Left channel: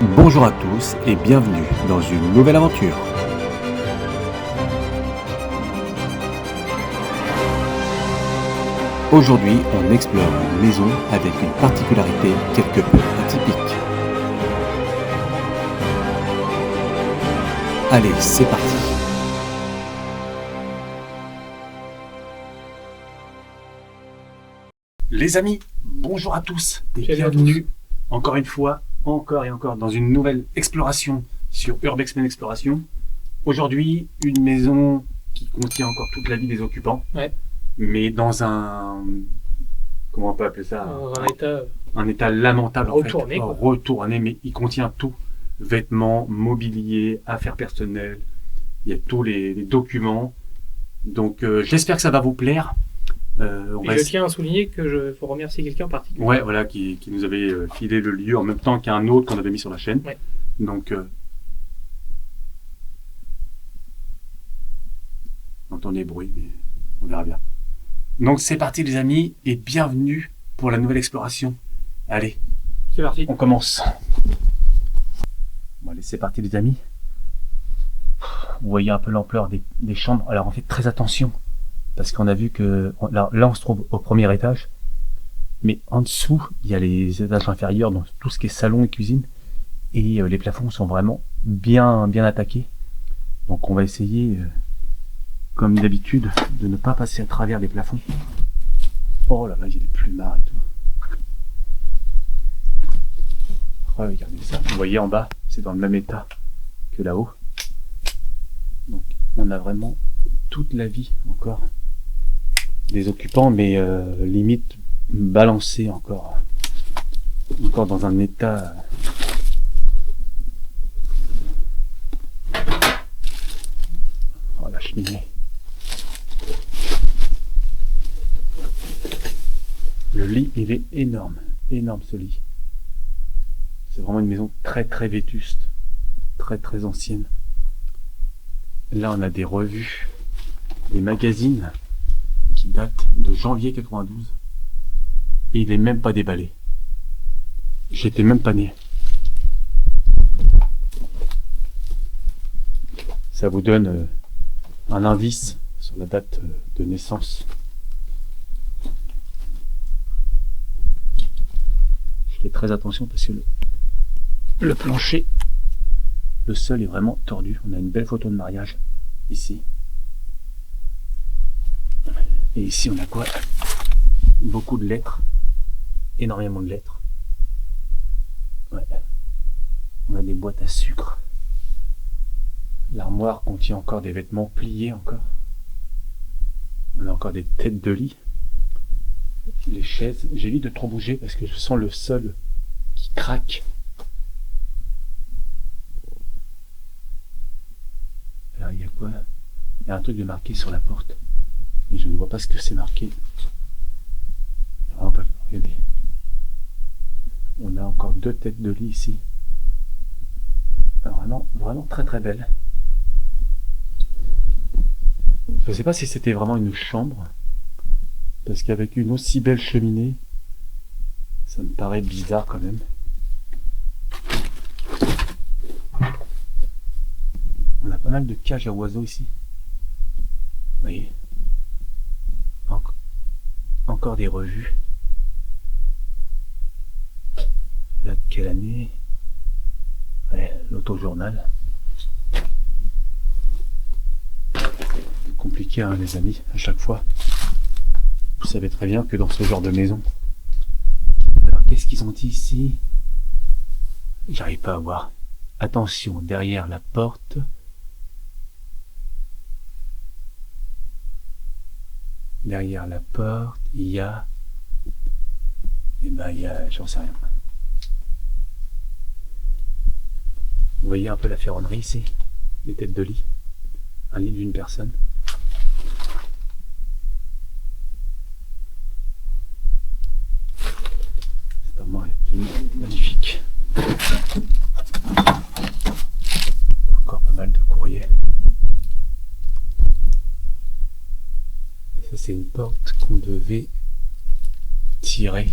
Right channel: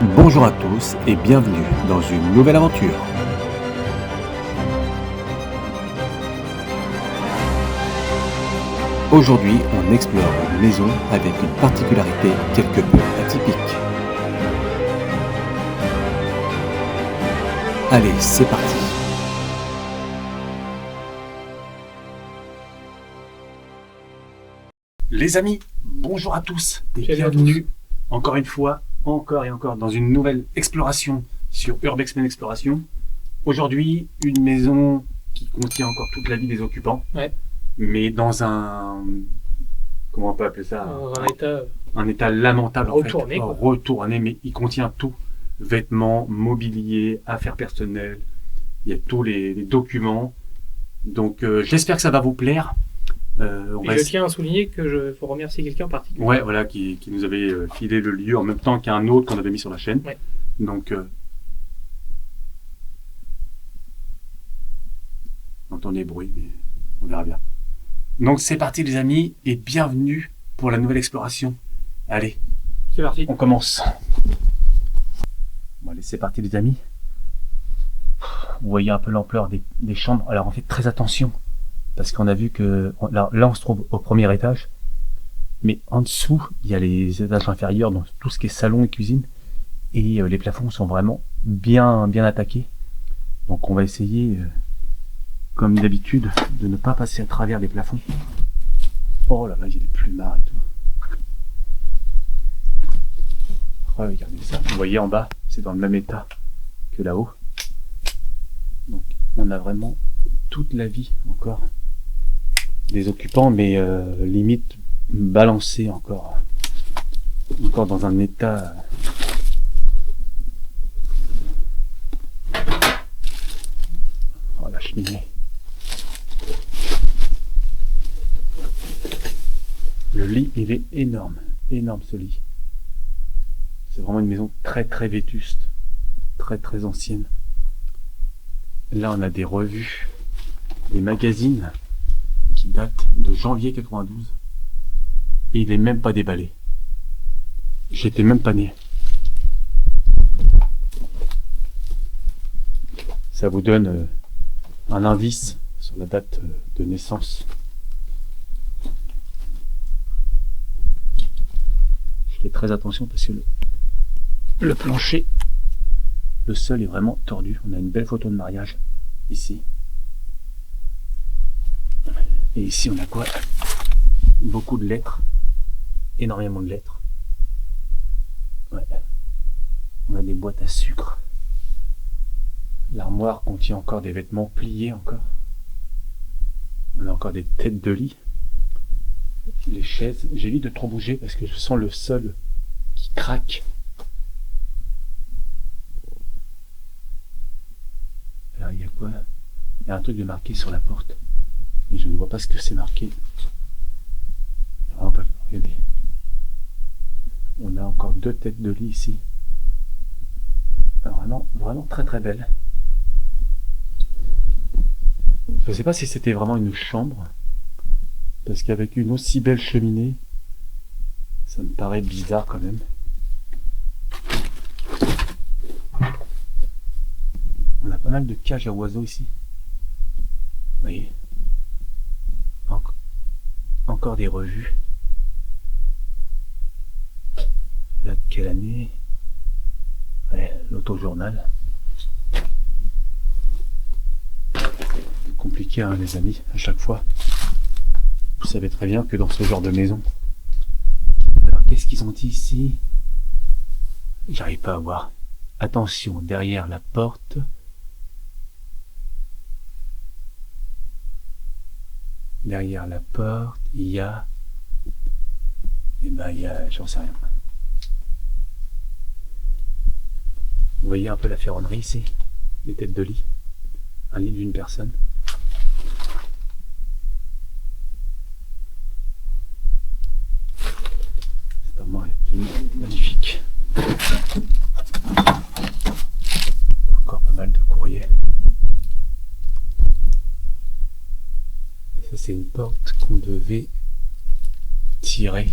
Bonjour à tous et bienvenue dans une nouvelle aventure. Aujourd'hui, on explore une maison avec une particularité quelque peu atypique. Allez, c'est parti. Les amis, bonjour à tous et Salut à bienvenue encore une fois, encore et encore dans une nouvelle exploration sur Urbexmen Exploration. Aujourd'hui, une maison qui contient encore toute la vie des occupants, Ouais. mais dans un... comment on peut appeler ça? Un état Un état lamentable retourné, en fait. quoi. Retourné, mais il contient tout. Vêtements, mobilier, affaires personnelles, il y a tous les documents. Donc j'espère que ça va vous plaire. Et je tiens à souligner que je faut remercier quelqu'un en particulier. Ouais, voilà, qui nous avait filé le lieu en même temps qu'un autre qu'on avait mis sur la chaîne. Ouais. Donc, on entend les bruits, mais on verra bien. Donc, c'est parti, les amis, et bienvenue pour la nouvelle exploration. Allez, C'est parti. on commence. Bon, allez, c'est parti, les amis. Vous voyez un peu l'ampleur des chambres. Alors, en fait, très attention, parce qu'on a vu que là, on se trouve au premier étage. Mais en dessous, il y a les étages inférieurs, donc tout ce qui est salon et cuisine. Et les plafonds sont vraiment bien attaqués. Donc on va essayer, comme d'habitude, de ne pas passer à travers les plafonds. Oh là là, il y a des plumards et tout. Regardez ça. Vous voyez en bas, c'est dans le même état que là-haut. Donc on a vraiment toute la vie encore des occupants, mais limite balancé encore dans un état oh la cheminée, le lit il est énorme ce lit, c'est vraiment une maison très vétuste, très ancienne. Là on a des revues, des magazines qui datent de janvier 92. Et il est même pas déballé. J'étais même pas né. Ça vous donne un indice sur la date de naissance. Je fais très attention parce que le plancher, le sol est vraiment tordu. On a une belle photo de mariage ici. Et ici on a quoi? Beaucoup de lettres. Énormément de lettres. Ouais. On a des boîtes à sucre. L'armoire contient encore des vêtements pliés encore. On a encore des têtes de lit. Les chaises, j'évite de trop bouger parce que je sens le sol qui craque. Alors il y a quoi? Il y a un truc de marqué sur la porte. Mais je ne vois pas ce que c'est marqué. Regardez. On a encore deux têtes de lit ici. Alors vraiment très belle. Je ne sais pas si c'était vraiment une chambre, parce qu'avec une aussi belle cheminée, ça me paraît bizarre quand même. On a pas mal de cages à oiseaux ici. Vous voyez, encore des revues. Là, de quelle année? Ouais, l'autojournal. Compliqué, hein, les amis, à chaque fois. Vous savez très bien que dans ce genre de maison. Alors, qu'est-ce qu'ils ont dit ici? J'arrive pas à voir. Attention, derrière la porte. Derrière la porte, il y a... Eh ben, il y a... J'en sais rien. Vous voyez un peu la ferronnerie ici, les têtes de lit, un lit d'une personne. Cette armoire est magnifique. Encore pas mal de courriers. Et ça c'est une porte qu'on devait tirer.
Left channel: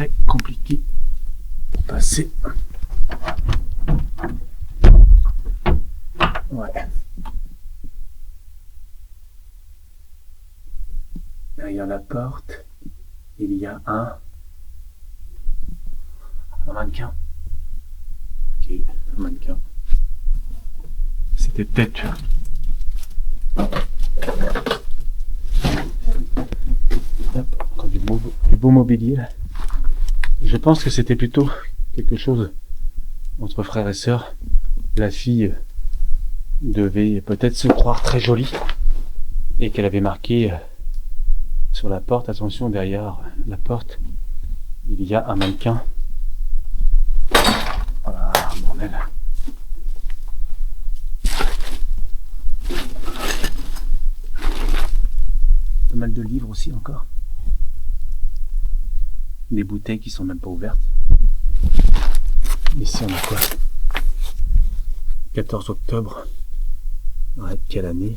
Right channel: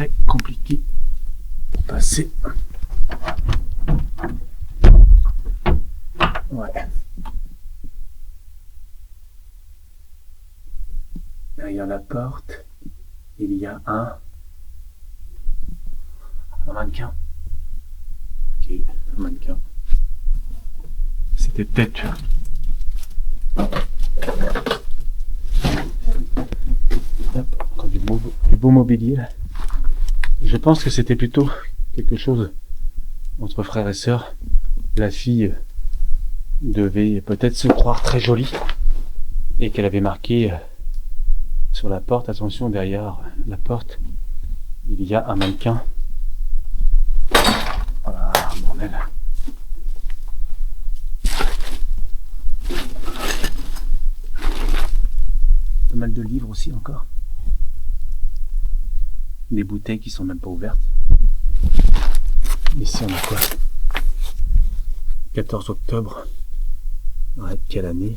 très compliqué pour passer. Ouais. Derrière la porte, il y a un mannequin. Ok, un mannequin. C'était peut-être... Encore du beau mobilier là. Je pense que c'était plutôt quelque chose entre frères et sœurs. La fille devait peut-être se croire très jolie et qu'elle avait marqué sur la porte, attention, derrière la porte, il y a un mannequin. Voilà, bordel. Pas mal de livres aussi encore. Des bouteilles qui sont même pas ouvertes. Ici on a quoi? 14 octobre. Ouais, quelle année?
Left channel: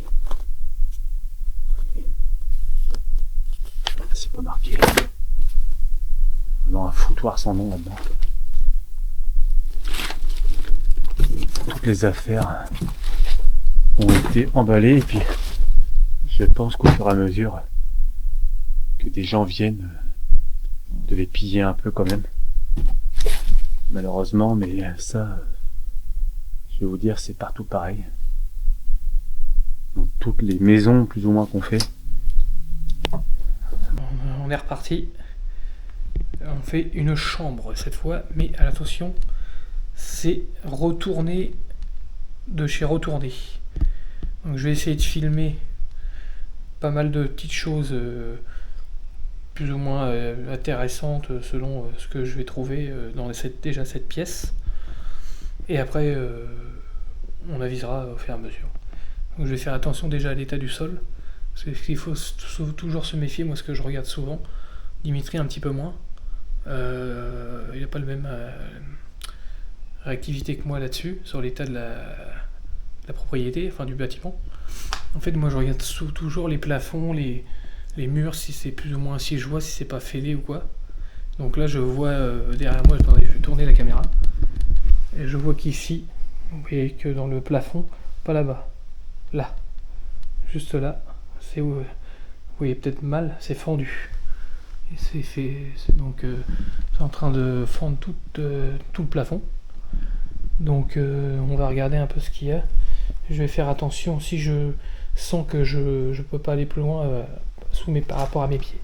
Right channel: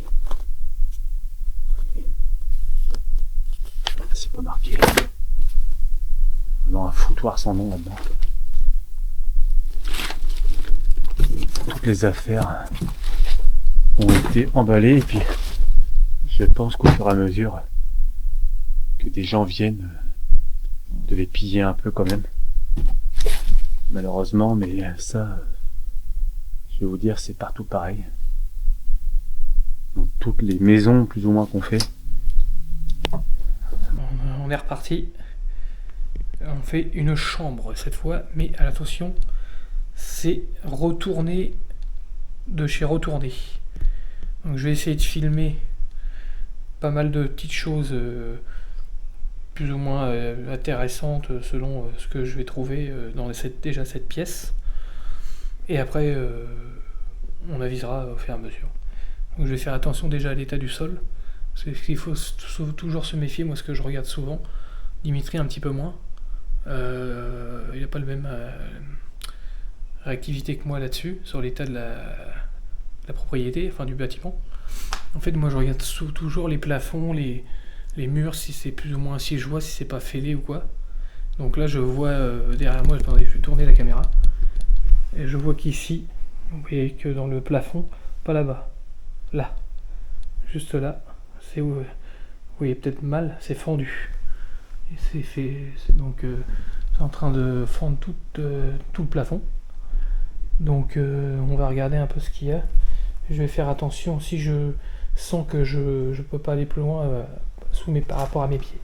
C'est pas marqué. Vraiment un foutoir sans nom là-dedans. Toutes les affaires ont été emballées et puis je pense qu'au fur et à mesure que des gens viennent, devaient piller un peu quand même. Malheureusement, mais ça, je vais vous dire, c'est partout pareil. Dans toutes les maisons plus ou moins qu'on fait. On est reparti. On fait une chambre cette fois, mais attention, c'est retourné de chez retourné. Donc je vais essayer de filmer pas mal de petites choses plus ou moins intéressantes selon ce que je vais trouver dans déjà cette pièce. Et après, on avisera au fur et à mesure. Donc je vais faire attention déjà à l'état du sol. Parce qu'il faut toujours se méfier, moi ce que je regarde souvent. Dimitri un petit peu moins. Il n'a pas le même réactivité que moi là-dessus, sur l'état de la propriété, enfin du bâtiment. En fait, moi je regarde toujours les plafonds, les murs, si c'est plus ou moins si je vois si c'est pas fêlé ou quoi. Donc là je vois derrière moi, attendez, je vais tourner la caméra. Et je vois qu'ici, vous voyez que dans le plafond, pas là-bas, là, juste là, c'est où vous voyez peut-être mal, c'est fendu. Et c'est donc c'est en train de fendre tout le plafond. Donc on va regarder un peu ce qu'il y a. Je vais faire attention si je sens que je peux pas aller plus loin par rapport à mes pieds.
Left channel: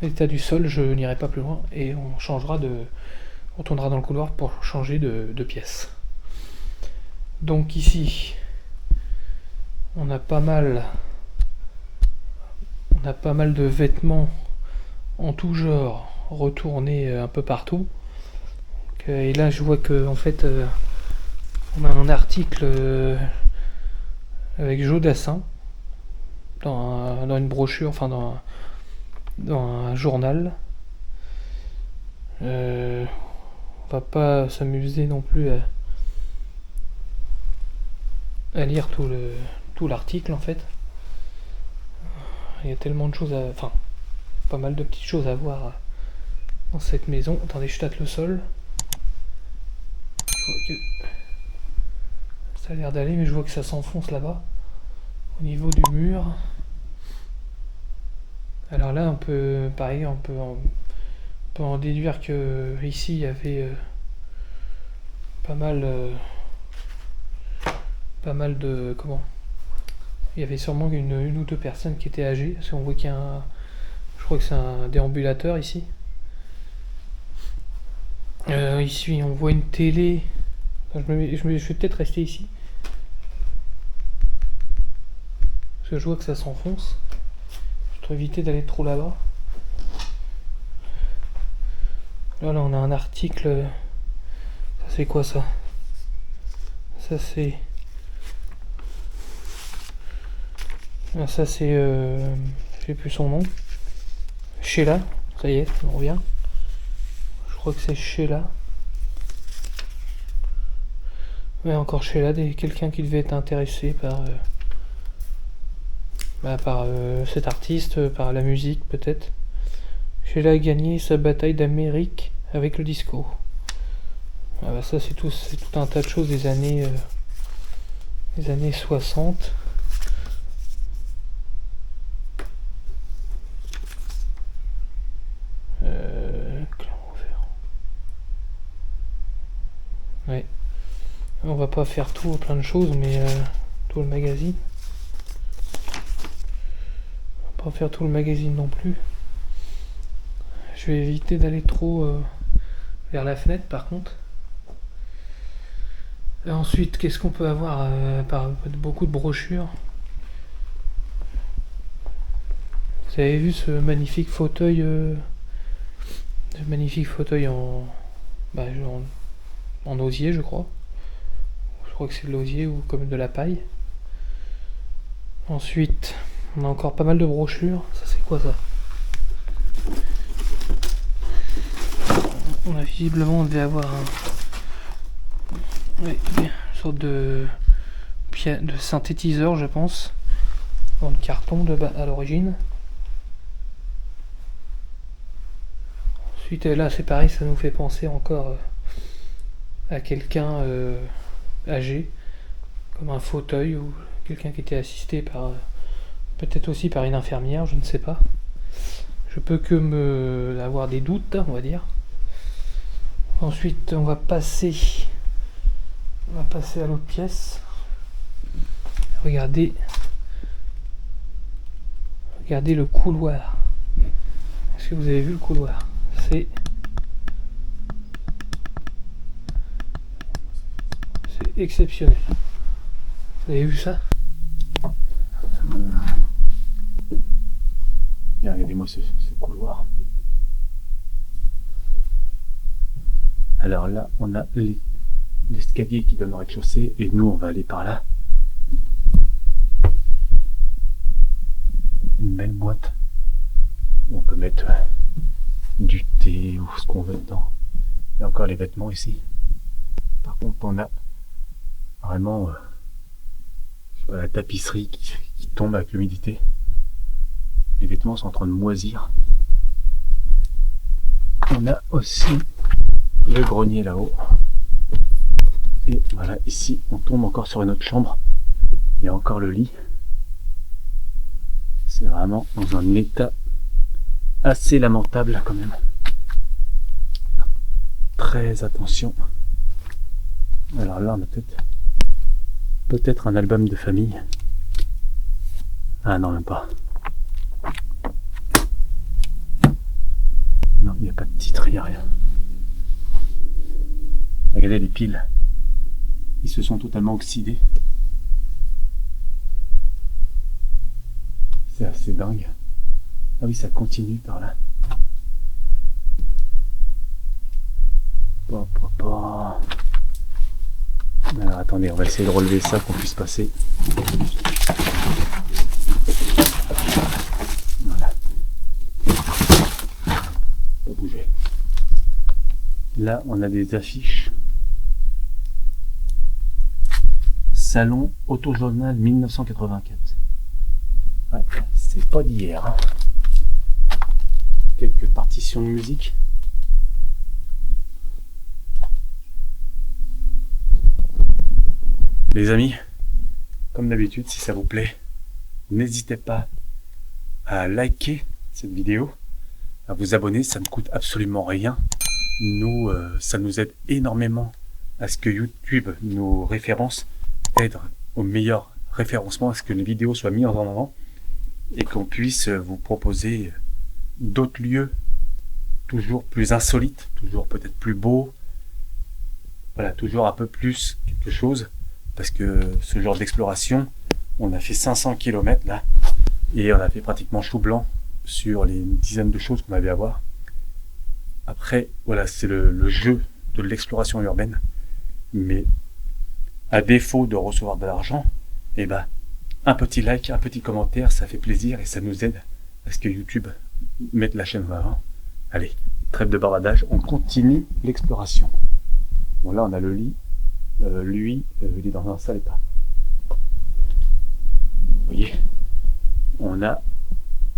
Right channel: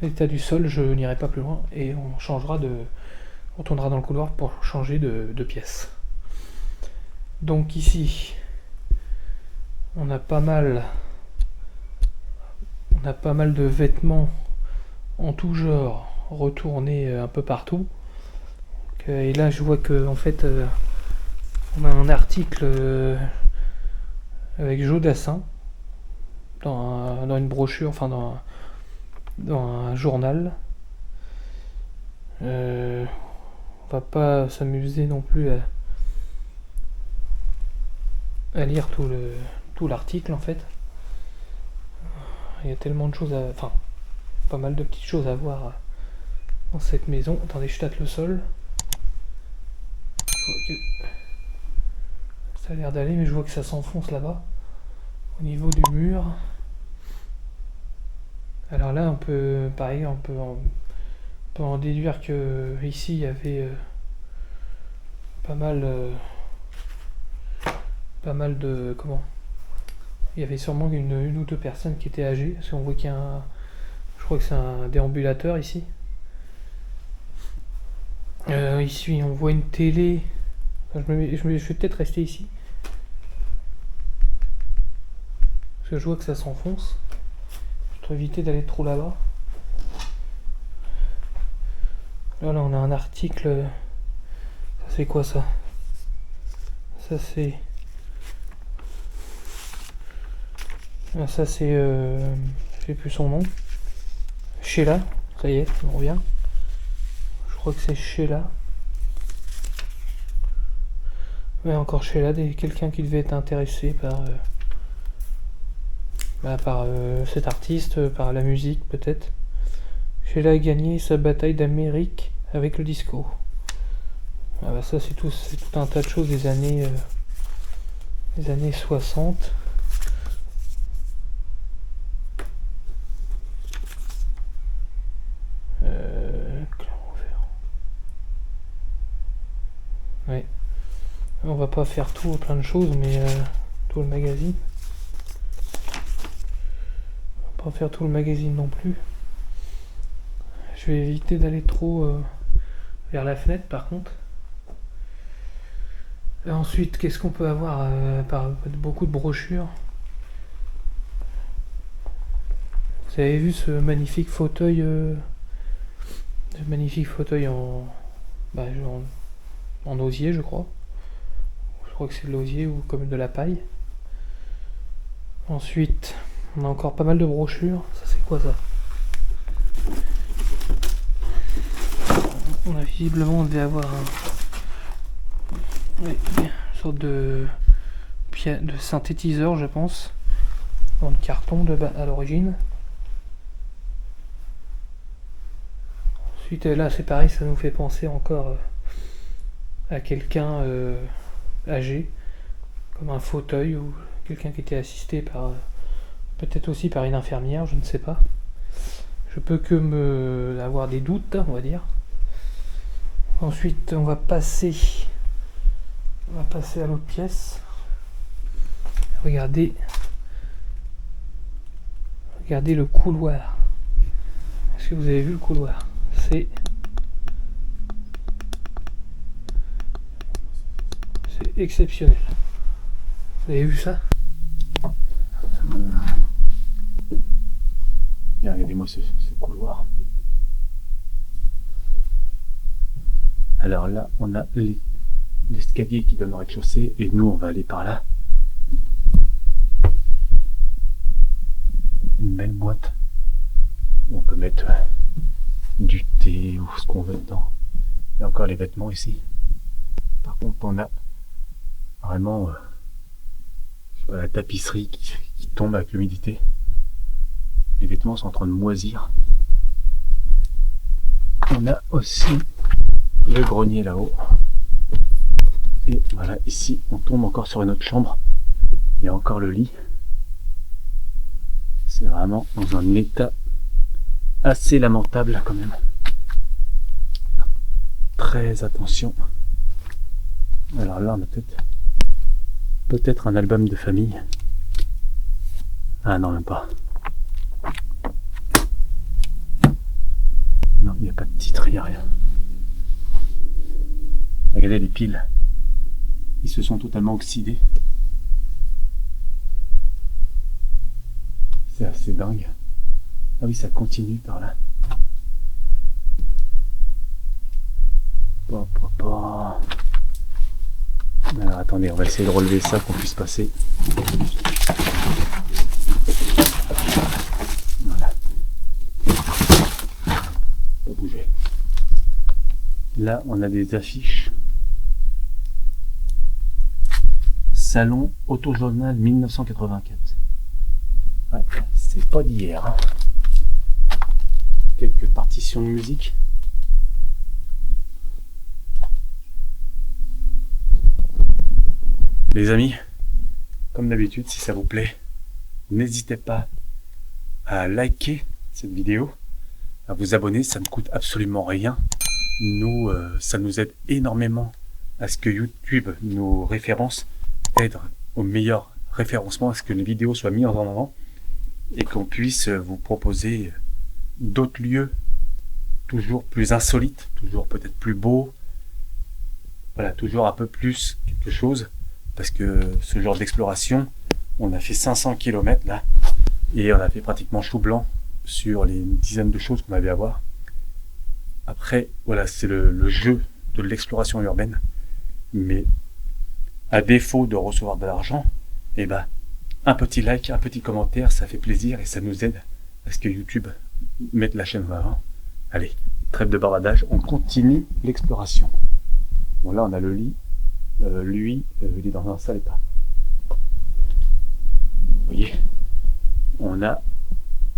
L'état du sol, je n'irai pas plus loin et on tournera dans le couloir pour changer de pièce. Donc ici, on a pas mal de vêtements en tout genre retournés un peu partout. Et là, je vois que en fait, on a un article avec Joe Dassin dans une brochure, enfin dans un journal. On va pas s'amuser non plus à lire tout l'article en fait. Il y a tellement de choses enfin, pas mal de petites choses à voir dans cette maison. Attendez, je tâte le sol. Je vois que ça a l'air d'aller, mais je vois que ça s'enfonce là-bas, au niveau du mur. Alors là, on peut en déduire que ici il y avait pas mal de il y avait sûrement une ou deux personnes qui étaient âgées, parce qu'on voit qu'il y a je crois que c'est un déambulateur ici. Ici on voit une télé. Enfin, je vais peut-être rester ici parce que je vois que ça s'enfonce. Je dois éviter d'aller trop là-bas. Là on a un article. Ça c'est quoi ça? Ça c'est je sais plus son nom. Sheila, ça y est, on revient. Je crois que c'est Sheila. Ouais, encore Sheila, quelqu'un qui devait être intéressé par cet artiste, par la musique peut-être. Sheila a gagné sa bataille d'Amérique avec le disco. Ah bah ça c'est tout un tas de choses des années 60. Clermont-Ferrand. Ouais. On va pas faire tout, plein de choses, mais tout le magazine. On va pas faire tout le magazine non plus. Je vais éviter d'aller trop vers la fenêtre par contre. Et ensuite, qu'est-ce qu'on peut avoir beaucoup de brochures. Vous avez vu ce magnifique fauteuil bah, en osier, je crois. Je crois que c'est de l'osier ou comme de la paille. Ensuite, on a encore pas mal de brochures. Ça, c'est quoi ça? On a visiblement, on devait avoir une sorte de synthétiseur, je pense, dans le carton à l'origine. Ensuite, là, c'est pareil, ça nous fait penser encore à quelqu'un âgé, comme un fauteuil ou quelqu'un qui était assisté par peut-être aussi par une infirmière, je ne sais pas. Je peux que avoir des doutes, on va dire. Ensuite, on va passer à l'autre pièce. Regardez le couloir. Est-ce que vous avez vu le couloir? C'est exceptionnel. Vous avez vu ça? Regardez-moi ce couloir. Alors là, on a l'escalier qui donne au rez-de-chaussée et nous, on va aller par là. Une belle boîte où on peut mettre du thé ou ce qu'on veut dedans. Il y a encore les vêtements ici. Par contre, on a vraiment la tapisserie qui tombe avec l'humidité. Les vêtements sont en train de moisir. On a aussi le grenier là-haut. Et voilà, ici, on tombe encore sur une autre chambre. Il y a encore le lit. C'est vraiment dans un état assez lamentable quand même. Faire très attention. Alors là, on a peut-être un album de famille. Ah non, même pas. Non, il n'y a pas de titre, il n'y a rien. Regardez les piles. Ils se sont totalement oxydés. C'est assez dingue. Ah oui, ça continue par là. Alors attendez, on va essayer de relever ça pour qu'on puisse passer. Voilà. Pas bouger. Là, on a des affiches. Salon Autojournal 1984. Ouais, c'est pas d'hier. Hein. Quelques partitions de musique. Les amis, comme d'habitude, si ça vous plaît, n'hésitez pas à liker cette vidéo, à vous abonner, ça ne coûte absolument rien. Nous, ça nous aide énormément à ce que YouTube nous référence, aide au meilleur référencement, à ce que les vidéos soient mises en avant et qu'on puisse vous proposer d'autres lieux toujours plus insolites, toujours peut-être plus beaux, voilà, toujours un peu plus quelque chose, parce que ce genre d'exploration, on a fait 500 km là, et on a fait pratiquement chou blanc sur les dizaines de choses qu'on avait à voir. Après, voilà, c'est le jeu de l'exploration urbaine, mais à défaut de recevoir de l'argent, eh ben, un petit like, un petit commentaire, ça fait plaisir et ça nous aide à ce que YouTube mette la chaîne en avant. Allez, trêve de bavardage, on continue l'exploration. Bon, là, on a le lit. Lui, il est dans un sale état. Vous voyez, on a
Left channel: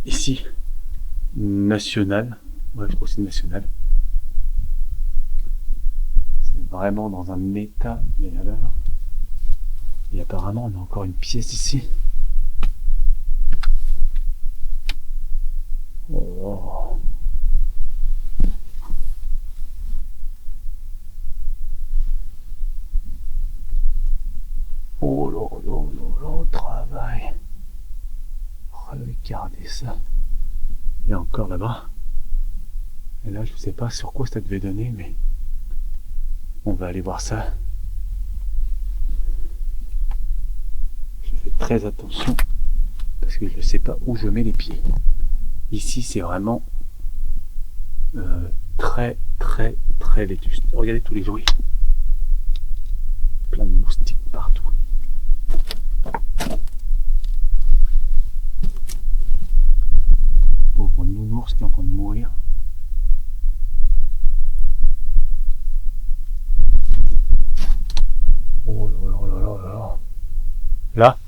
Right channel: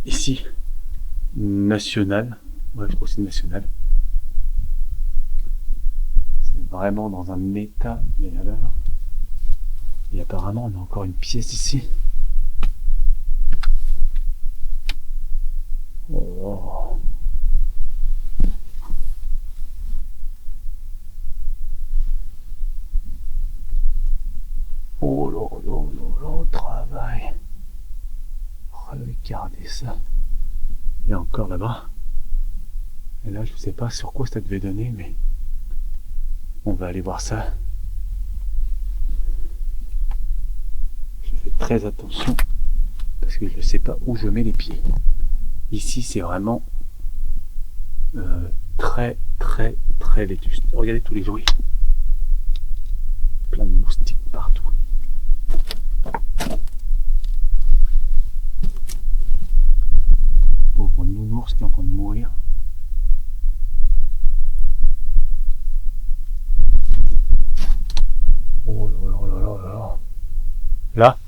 ici National. Ouais, je crois que c'est National. vraiment dans un état, mais alors. Et apparemment, on a encore une pièce ici. Oh. Oh là là là là, travail. Regardez ça. Et encore là-bas. Et là, je ne sais pas sur quoi ça devait donner, mais on va aller voir ça. Je fais très attention parce que je ne sais pas où je mets les pieds. Ici, c'est vraiment très très très vétuste. Regardez tous les jouets. Plein de moustiques partout. Pauvre nounours qui est en train de mourir. Oh là là là là là. Là.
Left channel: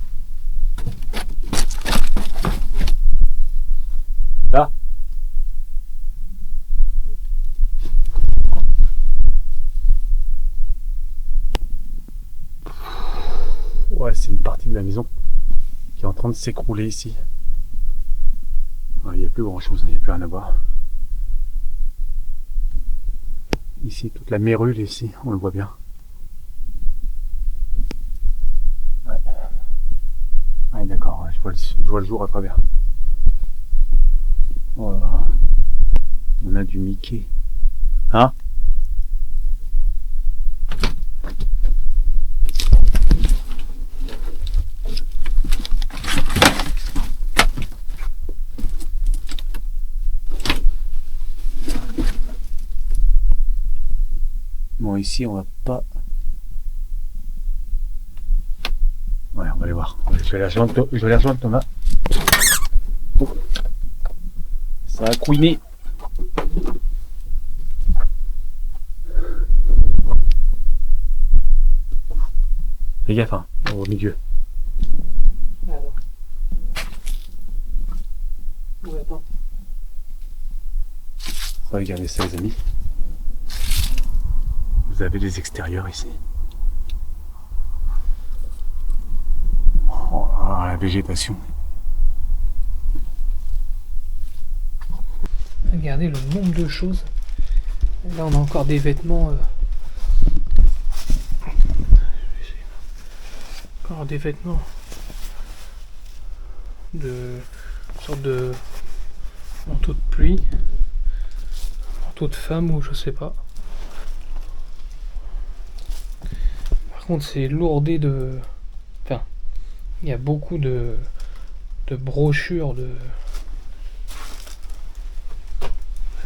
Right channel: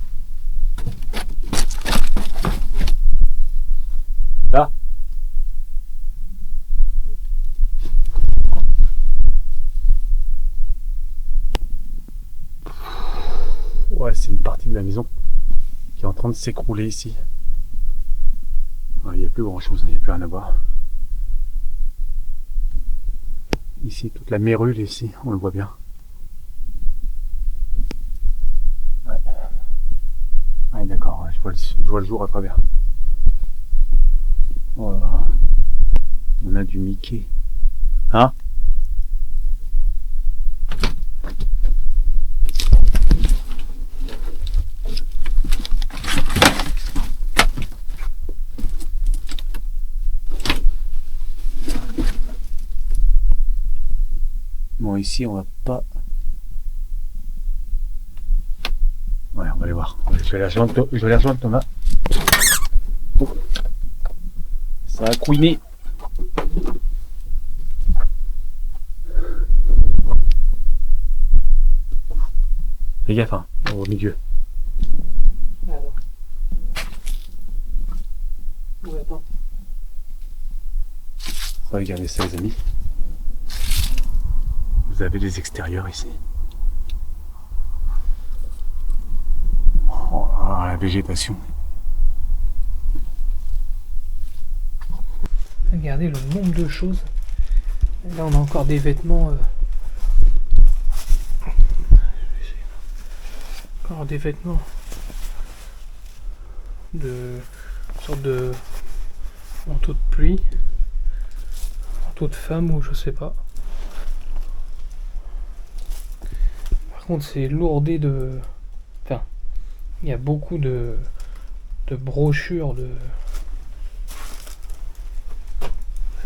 Là. Ouais, c'est une partie de la maison qui est en train de s'écrouler ici. Il n'y a plus grand chose, il n'y a plus rien à voir. Ici, toute la mérule ici, on le voit bien. Ouais, ouais d'accord, je vois le jour à travers. Oh là là. On a du Mickey. Hein? Bon, ici, on va pas... Ouais, on va aller voir. Je vais aller rejoindre Thomas. Oh. Ça a couiné. Fais gaffe, hein, au milieu. Alors. Ouais, attends. Regardez ça, les amis. Vous avez les extérieurs ici. Oh, la végétation. Regardez le nombre de choses. Là, on a encore des vêtements. Encore des vêtements de sorte de manteau de pluie, manteau de femme ou je sais pas. Par contre, c'est lourdé de. Enfin, il y a beaucoup de brochures de.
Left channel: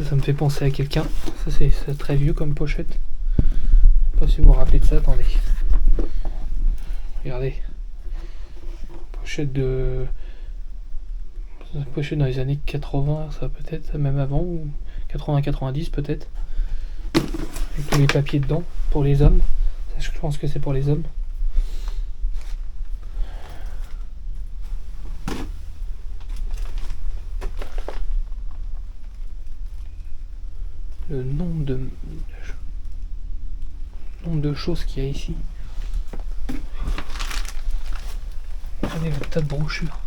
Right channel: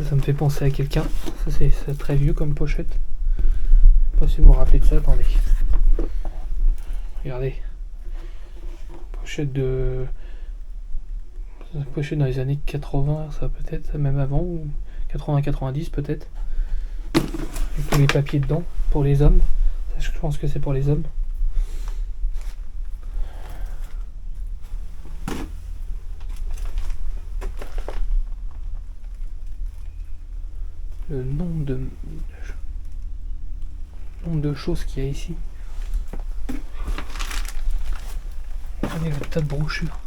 Ça me fait penser à quelqu'un. Ça, c'est très vieux comme pochette. Je sais pas si vous vous rappelez de ça. Attendez. Regardez. Pochette de. Pochette dans les années 80, ça peut-être, même avant, ou 80-90 peut-être. Avec tous les papiers dedans, pour les hommes. Ça, je pense que c'est pour les hommes. Le nombre de choses qu'il y a ici. Regardez le tas de brochures.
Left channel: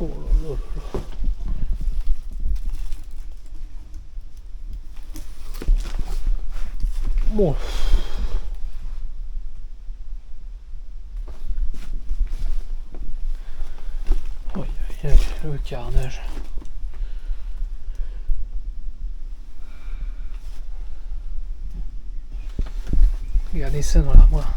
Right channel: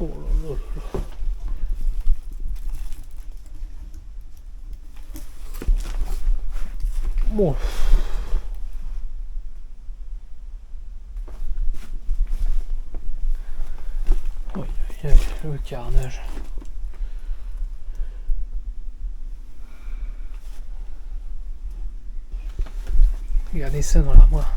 Oh là là là. Bon. Oh, il y a le carnage. Regardez ça dans l'armoire.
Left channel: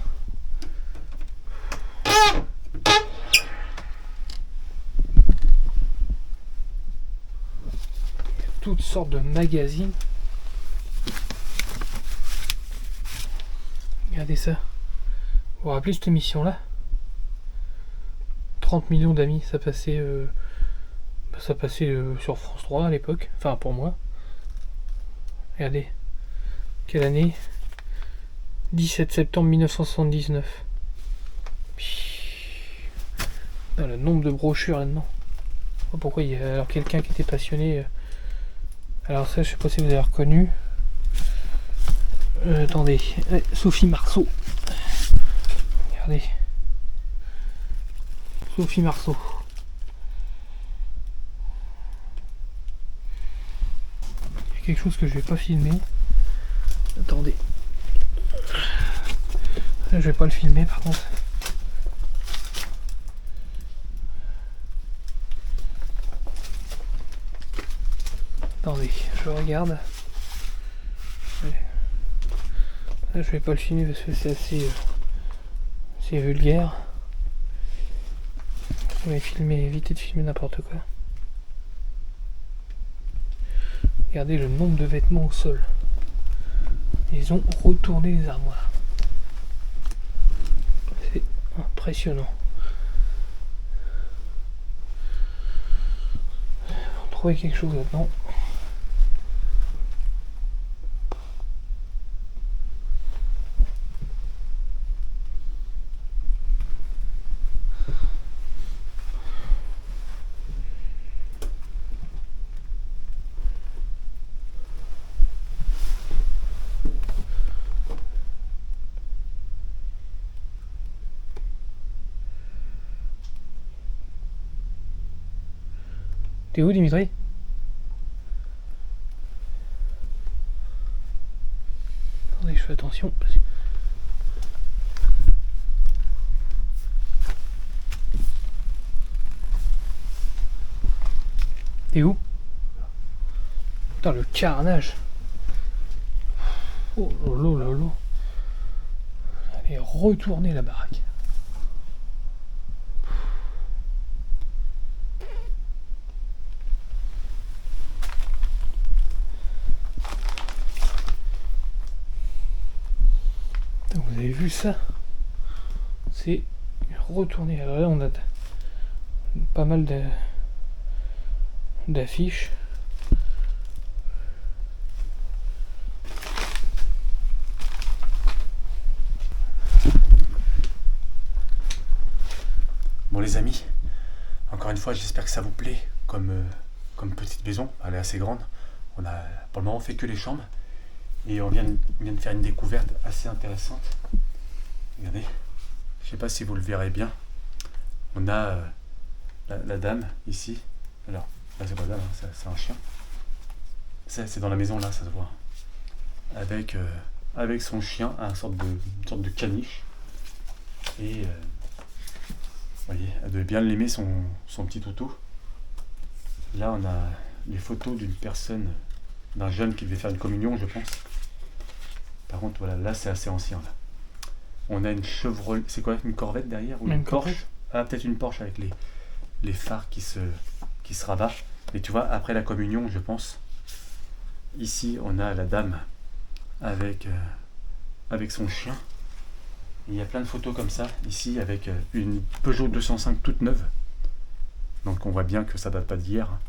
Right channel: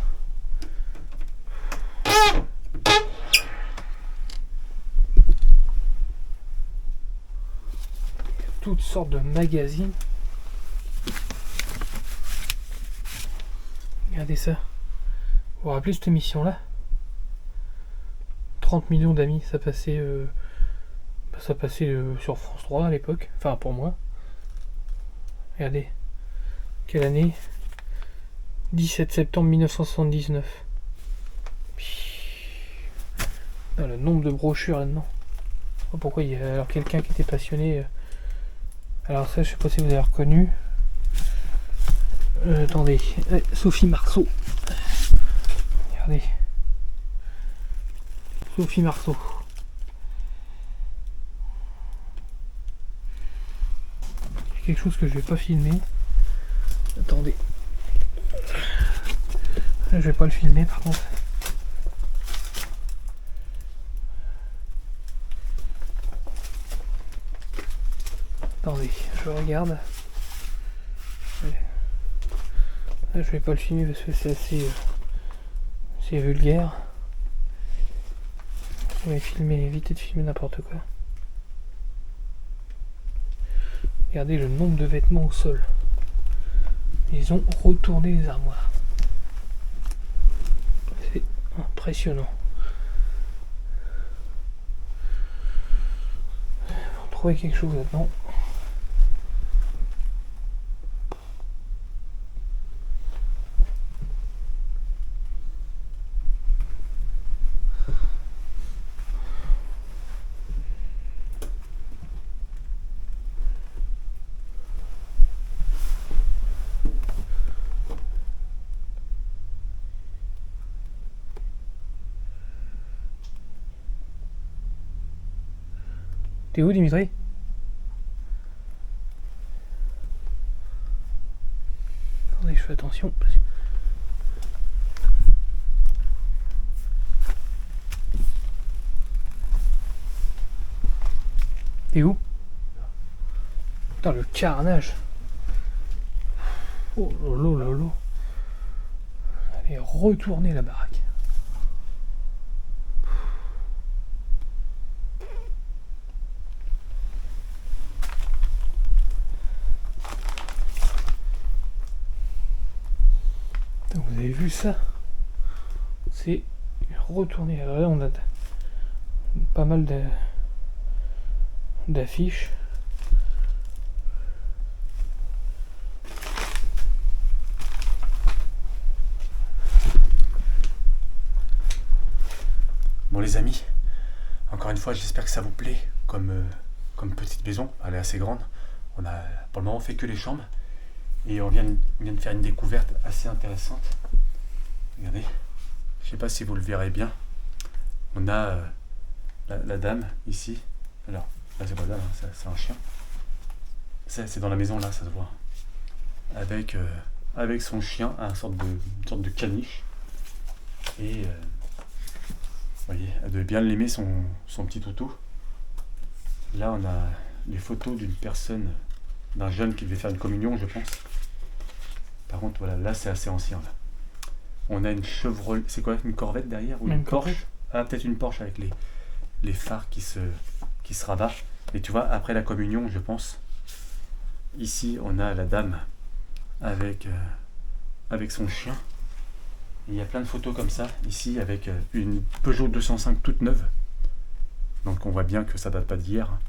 Toutes sortes de magazines. Regardez ça. Vous vous rappelez cette émission-là? 30 millions d'amis, ça passait sur France 3 à l'époque. Enfin, pour moi. Regardez. Quelle année? 17 septembre 1979. Ah, le nombre de brochures là-dedans. pas pourquoi il y a alors quelqu'un qui était passionné. Alors ça, je sais pas si vous avez reconnu. Attendez, Sophie Marceau. Regardez. Sophie Marceau. Il y a quelque chose que je vais pas filmer. Attendez. Là, je vais pas le filmer par contre. Attendez, je regarde. Là, je vais pas le filmer parce que c'est assez vulgaire. Je vais filmer, éviter de filmer n'importe quoi. Regardez le nombre de vêtements au sol. Ils ont retourné les armoires. C'est impressionnant. On va trouver quelque chose là-dedans. T'es où, Dimitri? Attendez, je fais attention. T'es où? Putain, le carnage. Oh lolo lolo. Allez, retourner la baraque. Vous avez vu ça? C'est retourné. Alors là, on a pas mal d'affiches. Bon les amis, encore une fois j'espère que ça vous plaît comme petite maison, elle est assez grande. On a pour le moment fait que les chambres et on vient de faire une découverte assez intéressante. Regardez, je sais pas si vous le verrez bien. On a la dame ici. Alors là c'est pas la dame, hein, c'est un chien. C'est dans la maison là, ça se voit. Avec son chien, une sorte de caniche. Et vous voyez, elle devait bien l'aimer son petit toutou. Là on a les photos d'une personne, d'un jeune qui devait faire une communion je pense. Par contre voilà, là c'est assez ancien là. On a une Chevrolet, c'est quoi, une Corvette derrière ou une Porsche? Ah peut-être une Porsche avec les phares qui se rabattent. Mais tu vois, après la communion je pense. Ici on a la dame avec son chien. Il y a plein de photos comme ça, ici avec une Peugeot 205 toute neuve. Donc on voit bien que ça date pas d'hier. Hein.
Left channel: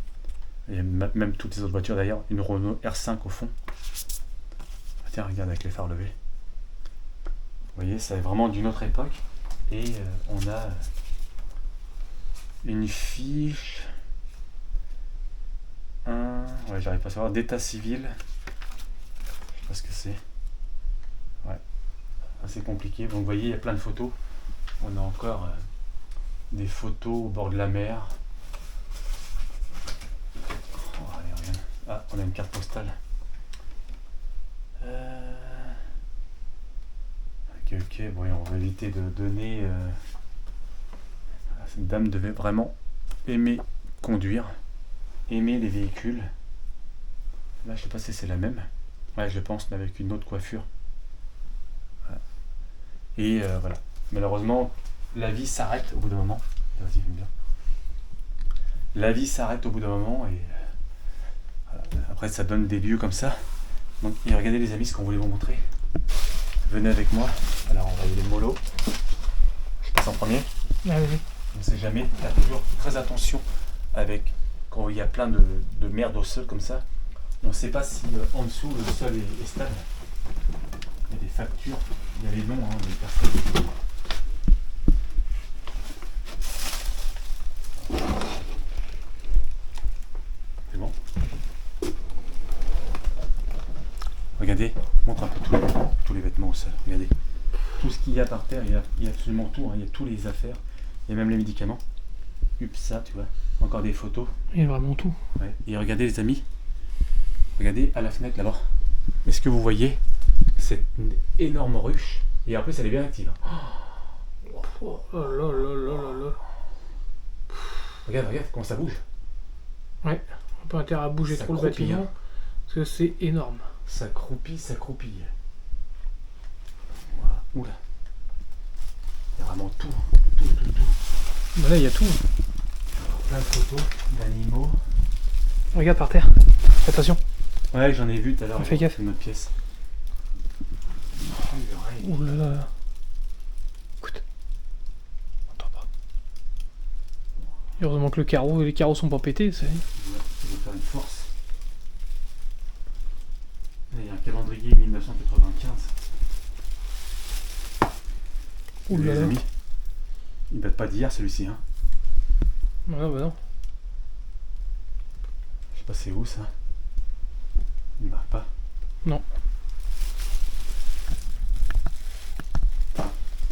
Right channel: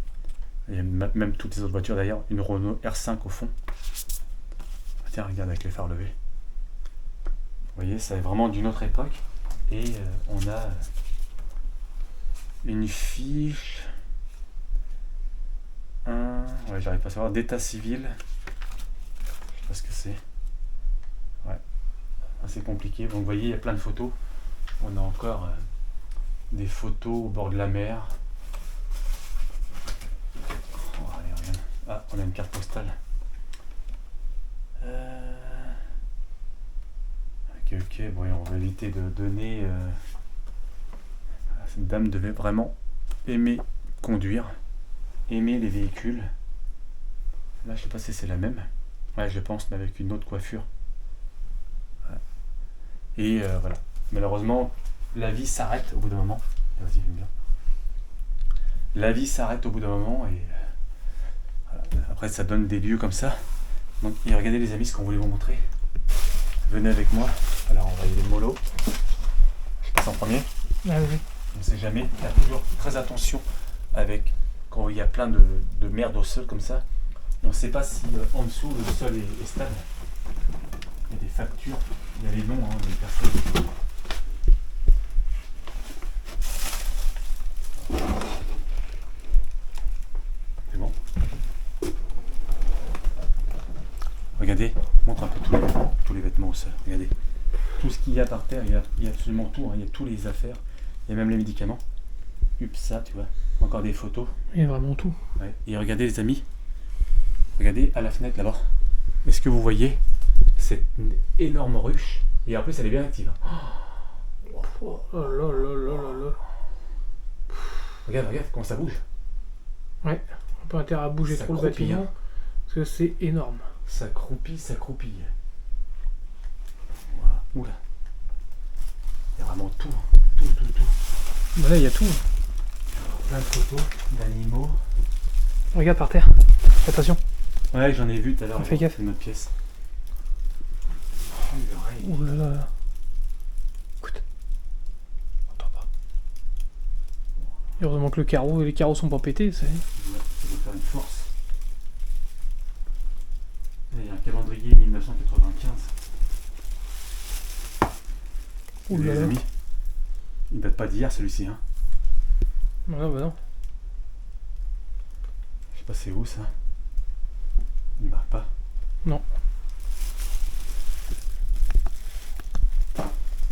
Et même toutes les autres voitures d'ailleurs, une Renault R5 au fond. Ah, tiens, regarde avec les phares levés. Vous voyez, c'est vraiment d'une autre époque. Et on a une fiche. Ouais, j'arrive pas à savoir, d'état civil. Je sais pas ce que c'est. Ouais. Assez compliqué. Donc vous voyez, il y a plein de photos. On a encore des photos au bord de la mer. Oh, allez, regarde. Ah, on a une carte postale. Ok, bon, on va éviter de donner. Cette dame devait vraiment aimer conduire, aimer les véhicules. Là, je sais pas si c'est la même. Ouais, je pense, mais avec une autre coiffure. Et voilà. Malheureusement, la vie s'arrête au bout d'un moment. Vas-y, viens bien. La vie s'arrête au bout d'un moment et voilà. Après ça donne des lieux comme ça. Donc, et regardez les amis ce qu'on voulait vous montrer. Venez avec moi. Alors on va y aller mollo. Je passe en premier. Ah oui. On ne sait jamais. Faire toujours très attention avec quand il y a plein de merde au sol comme ça. On ne sait pas si en dessous le sol est stable. Il y a des factures, il y a les noms des personnes. Regardez, montre un peu tous les vêtements au sol. Regardez. Tout ce qu'il y a par terre, il y a absolument tout. Hein. Il y a tous les affaires. Il y a même les médicaments. Ça, tu vois. Encore des photos. Il y a vraiment tout. Ouais. Et regardez les amis. Regardez à la fenêtre là-bas. Est-ce que vous voyez cette énorme ruche? Et en plus elle est bien active. Oh là là là là là. Regarde comment ça bouge. Ouais, on peut intérêt à bouger Ça trop le croupille, bâtiment. hein. Parce que c'est énorme. Ça croupille, ça croupille. Voilà. Oula. Il y a vraiment tout. Tout. Bah là, il y a tout. Plein de photos d'animaux. Regarde par terre. Attention. Ouais, j'en ai vu tout à l'heure. Fais gaffe. Une autre pièce. Ouh là là. Écoute. On entend pas. Heureusement que les carreaux sont pas pétés, c'est. Ouais, il va faire une force. Là, il y a un calendrier 1995. Ouh là Les là. amis, il date pas d'hier celui-ci. Hein. Non, bah non. Je sais pas c'est où ça. Il marque pas. Non.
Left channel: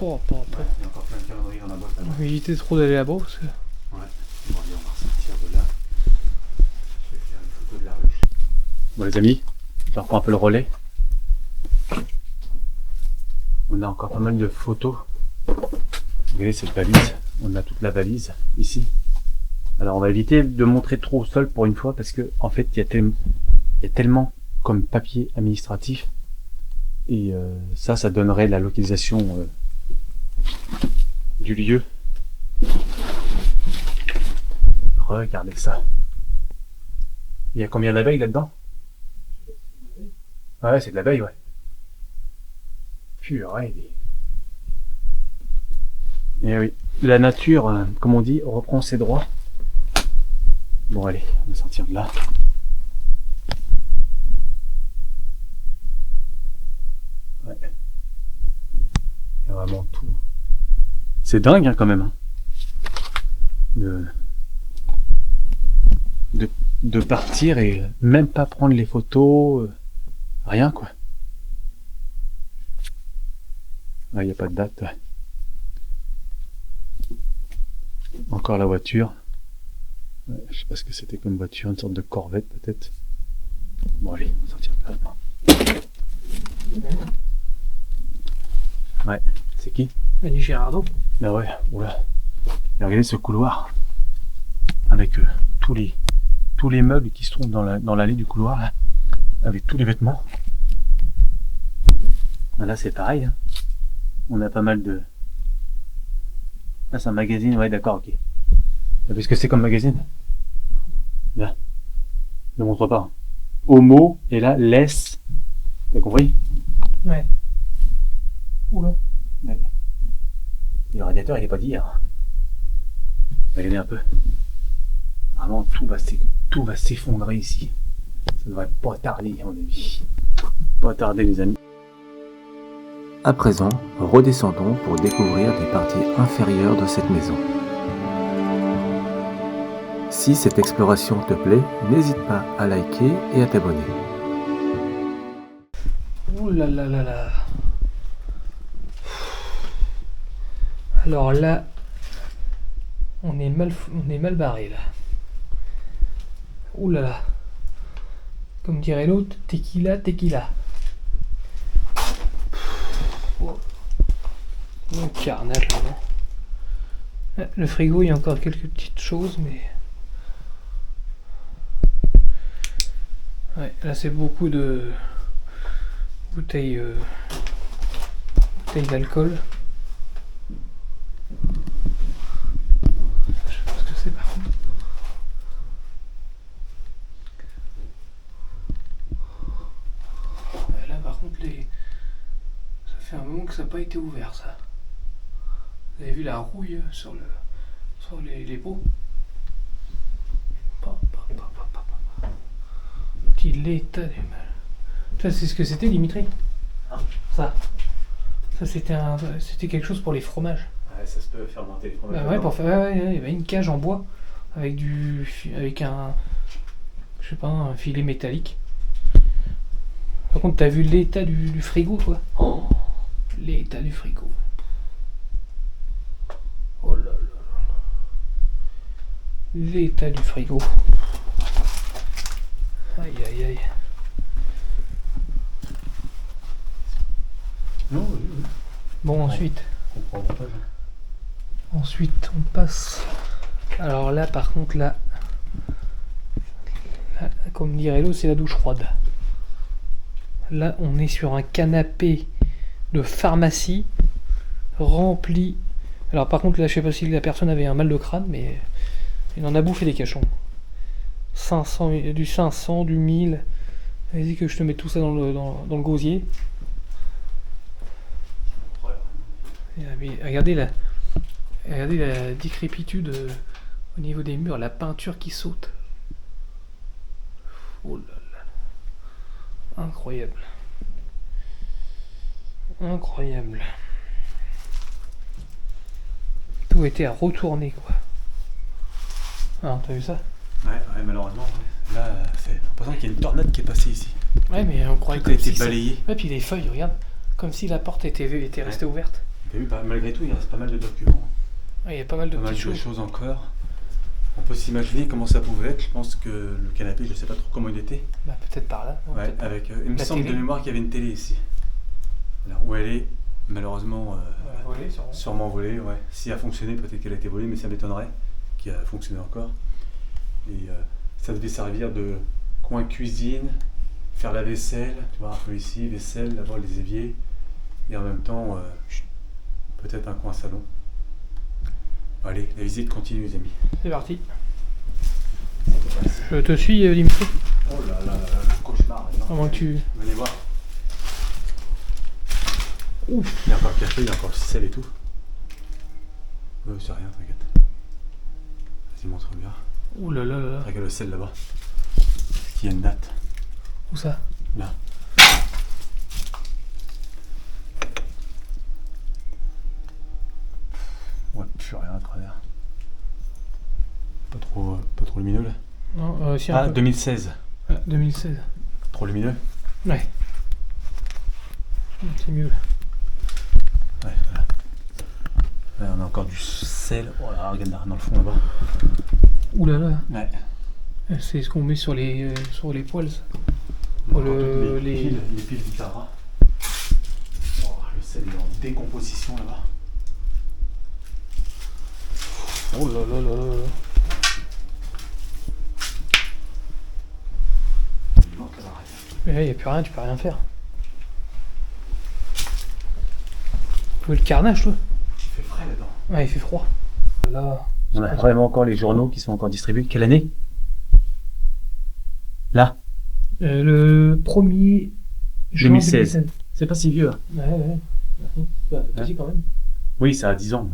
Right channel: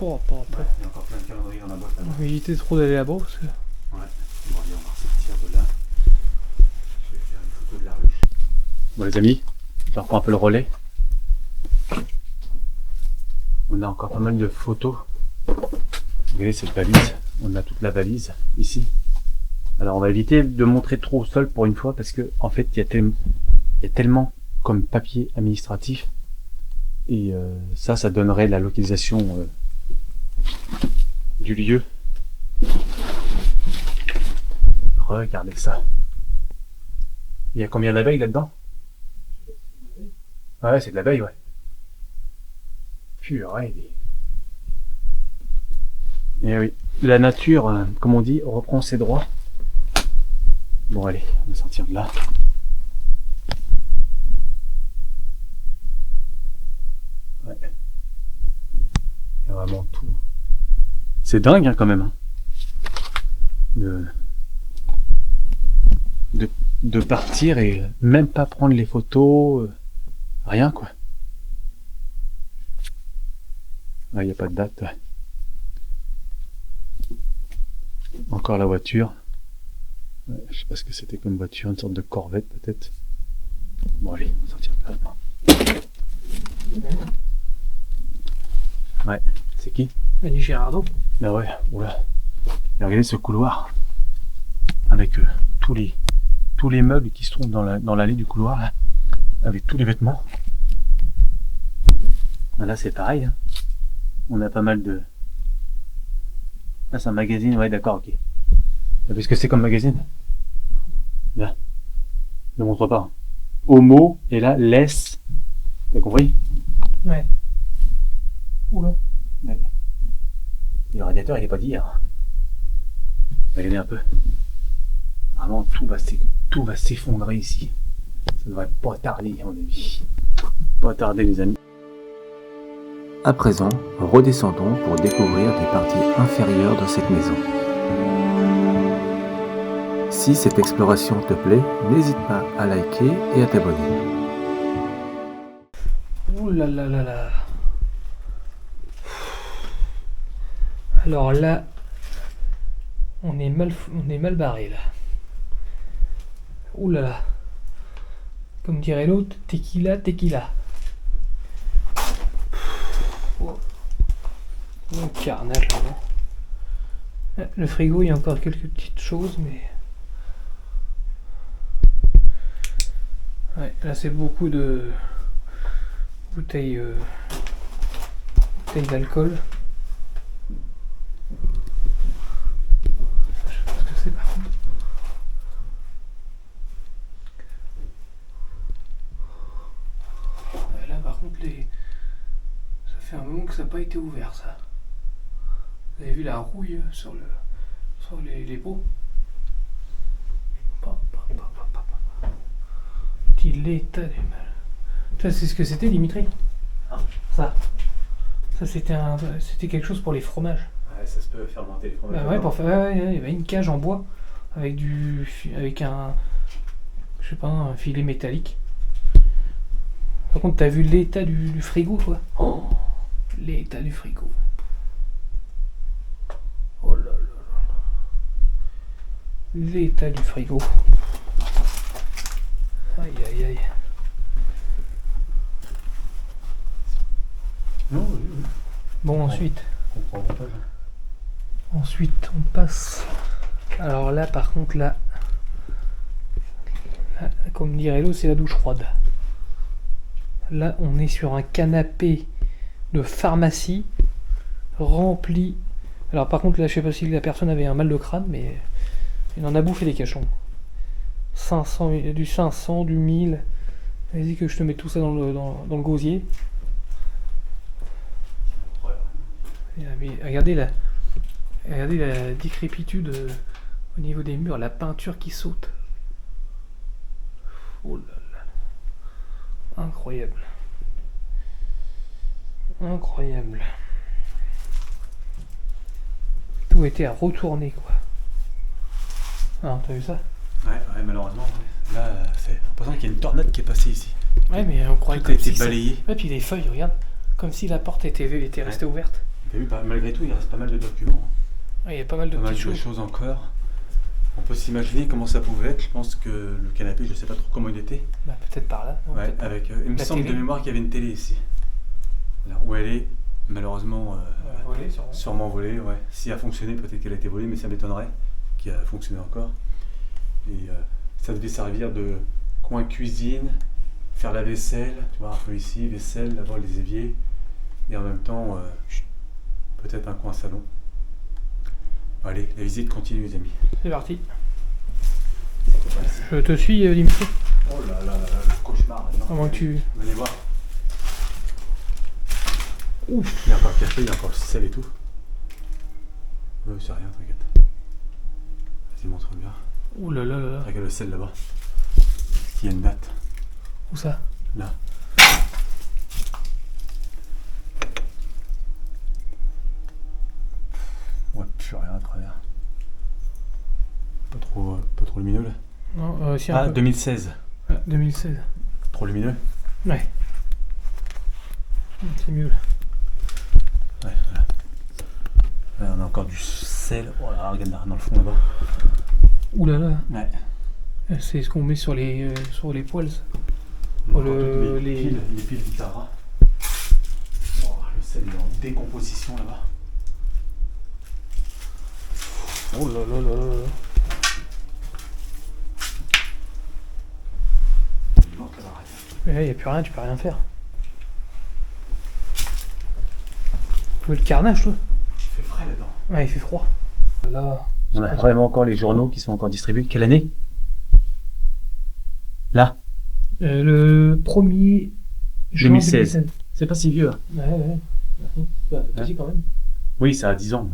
Ouais, il y a encore plein de calendriers dans la boîte là-bas. On va éviter trop d'aller là-bas parce que. Ouais. Bon allez, on va ressortir de là. Je vais faire une photo de la ruche. Bon les amis, je reprends un peu le relais. On a encore pas mal de photos. Regardez cette valise. On a toute la valise ici. Alors on va éviter de montrer trop au sol pour une fois parce que en fait il y a tellement comme papier administratif et ça donnerait la localisation du lieu. Regardez ça. Il y a combien d'abeilles là-dedans? Ouais, c'est de l'abeille, ouais. Purée. Et oui, la nature, comme on dit, reprend ses droits. Bon allez, on va sortir de là. Ouais. Il y a vraiment tout. C'est dingue hein, quand même. Hein. De partir et même pas prendre les photos. Rien quoi. Là, il n'y a pas de date. Ouais. Encore la voiture. Ouais, je sais pas ce que c'était comme voiture, une sorte de Corvette peut-être. Bon allez, on va sortir de là. Ouais, c'est qui? Annie Girardot. Ah ouais, oula. Et regardez ce couloir. Avec tous les meubles qui se trouvent dans l'allée du couloir, là, avec tous les vêtements. Là c'est pareil. Hein. On a pas mal de... Là c'est un magazine, ouais d'accord, ok. T'as vu ce que c'est comme magazine? Là. Ne montre pas. Homo, et là, laisse. T'as compris? Ouais. Oula. Ouais. Le radiateur il est pas d'hier. Regardez un peu. Vraiment tout va s'effondrer ici. Ça devrait pas tarder à mon avis. Pas tarder les amis. À présent, redescendons pour découvrir des parties inférieures de cette maison. Si cette exploration te plaît, n'hésite pas à liker et à t'abonner. Ouh là là là là. Alors là, on est mal barré là. Ouh là là. Comme dirait l'autre, tequila, tequila. Oh. Un carnage là-bas. Le frigo, il y a encore quelques petites choses, mais... Ouais, là c'est beaucoup de bouteilles d'alcool. Je sais pas ce que c'est par contre. Là par contre ça fait un moment que ça n'a pas été ouvert ça. Vous avez vu la rouille sur les pots? Petit l'état du mal. Ça c'est ce que c'était Dimitri? Ça c'était quelque chose pour les fromages. Ouais, ça se peut faire monter les fromages. Bah ouais, pour faire, ouais, il y avait une cage en bois avec avec un, je sais pas, un filet métallique. Par contre, t'as vu l'état du frigo, toi? Oh, l'état du frigo. Oh là là là là. L'état du frigo. Aïe aïe aïe. Non, oui, oui. Bon, ensuite. On prend avantage. Ensuite, on passe. Alors là, par contre, là, comme dirait l'autre, c'est la douche froide. Là, on est sur un canapé de pharmacie rempli. Alors, par contre, là, je sais pas si la personne avait un mal de crâne, mais il en a bouffé des cachons. 500, du 500, du 1000. Vas-y, que je te mets tout ça dans le gosier. Mais regardez la décrépitude au niveau des murs, la peinture qui saute. Oh là là. Incroyable. Incroyable. Tout était à retourner, quoi. Ah, t'as vu ça? Ouais, malheureusement. Ouais. Là, c'est l'impression qu'il y a une tornade qui est passée ici. Ouais, mais on croyait Tout a comme été si balayé. Ouais, puis les feuilles, regarde. Comme si la porte était restée ouverte. T'as vu, malgré tout, il reste pas mal de documents. Ouais, il y a pas mal de Pas mal petites de choses. choses encore. On peut s'imaginer comment ça pouvait être. Je pense que le canapé, je sais pas trop comment il était. Bah, peut-être par là. Ouais, peut-être. avec. Il me La semble télé. de mémoire qu'il y avait une télé ici. Alors, où elle est, malheureusement, Volé, sûrement. sûrement volée. Ouais. Si elle a fonctionné, peut-être qu'elle a été volée, mais ça m'étonnerait qu'elle a fonctionné encore. Et ça devait servir de coin cuisine, faire la vaisselle, tu vois, un peu ici, vaisselle, là-bas les éviers, et en même temps, peut-être un coin salon. Allez, la visite continue, les amis. C'est parti. Je te suis, Dimitri. Oh là là là, le cauchemar. À moins que tu. Venez voir. Ouf. Il y a encore le café, il y a encore le sel et tout. C'est rien, t'inquiète. Vas-y, montre bien. Ouh là là là là. Regarde le sel là-bas. Est-ce qu'il y a une date? Où ça? Là. Ouais, plus rien à travers. Pas trop lumineux là. Non, si un Ah, peu. 2016. Ah, 2016. Trop lumineux. Ouais. C'est mieux là. Ouais, voilà. Là, on a encore du sel. Oh là, regarde là, dans le fond là-bas. Ouh là là. Ouais. C'est ce qu'on met sur les poils, ça. On a Oh, encore le- toutes les- les piles Vitara. Oh, le sel est en décomposition là-bas. Oh là là là là là. Il manque là-bas. Mais là, il n'y a plus rien, tu peux rien faire. Tu veux le carnage, toi? Il fait frais là-dedans. Ouais, il fait froid. Là. On a vraiment encore les journaux qui sont encore distribués. Quelle année? Là, Le 1er juin 2016. C'est pas si vieux. Hein. Ouais. Bah, vas-y, quand même. Oui, ça a 10 ans.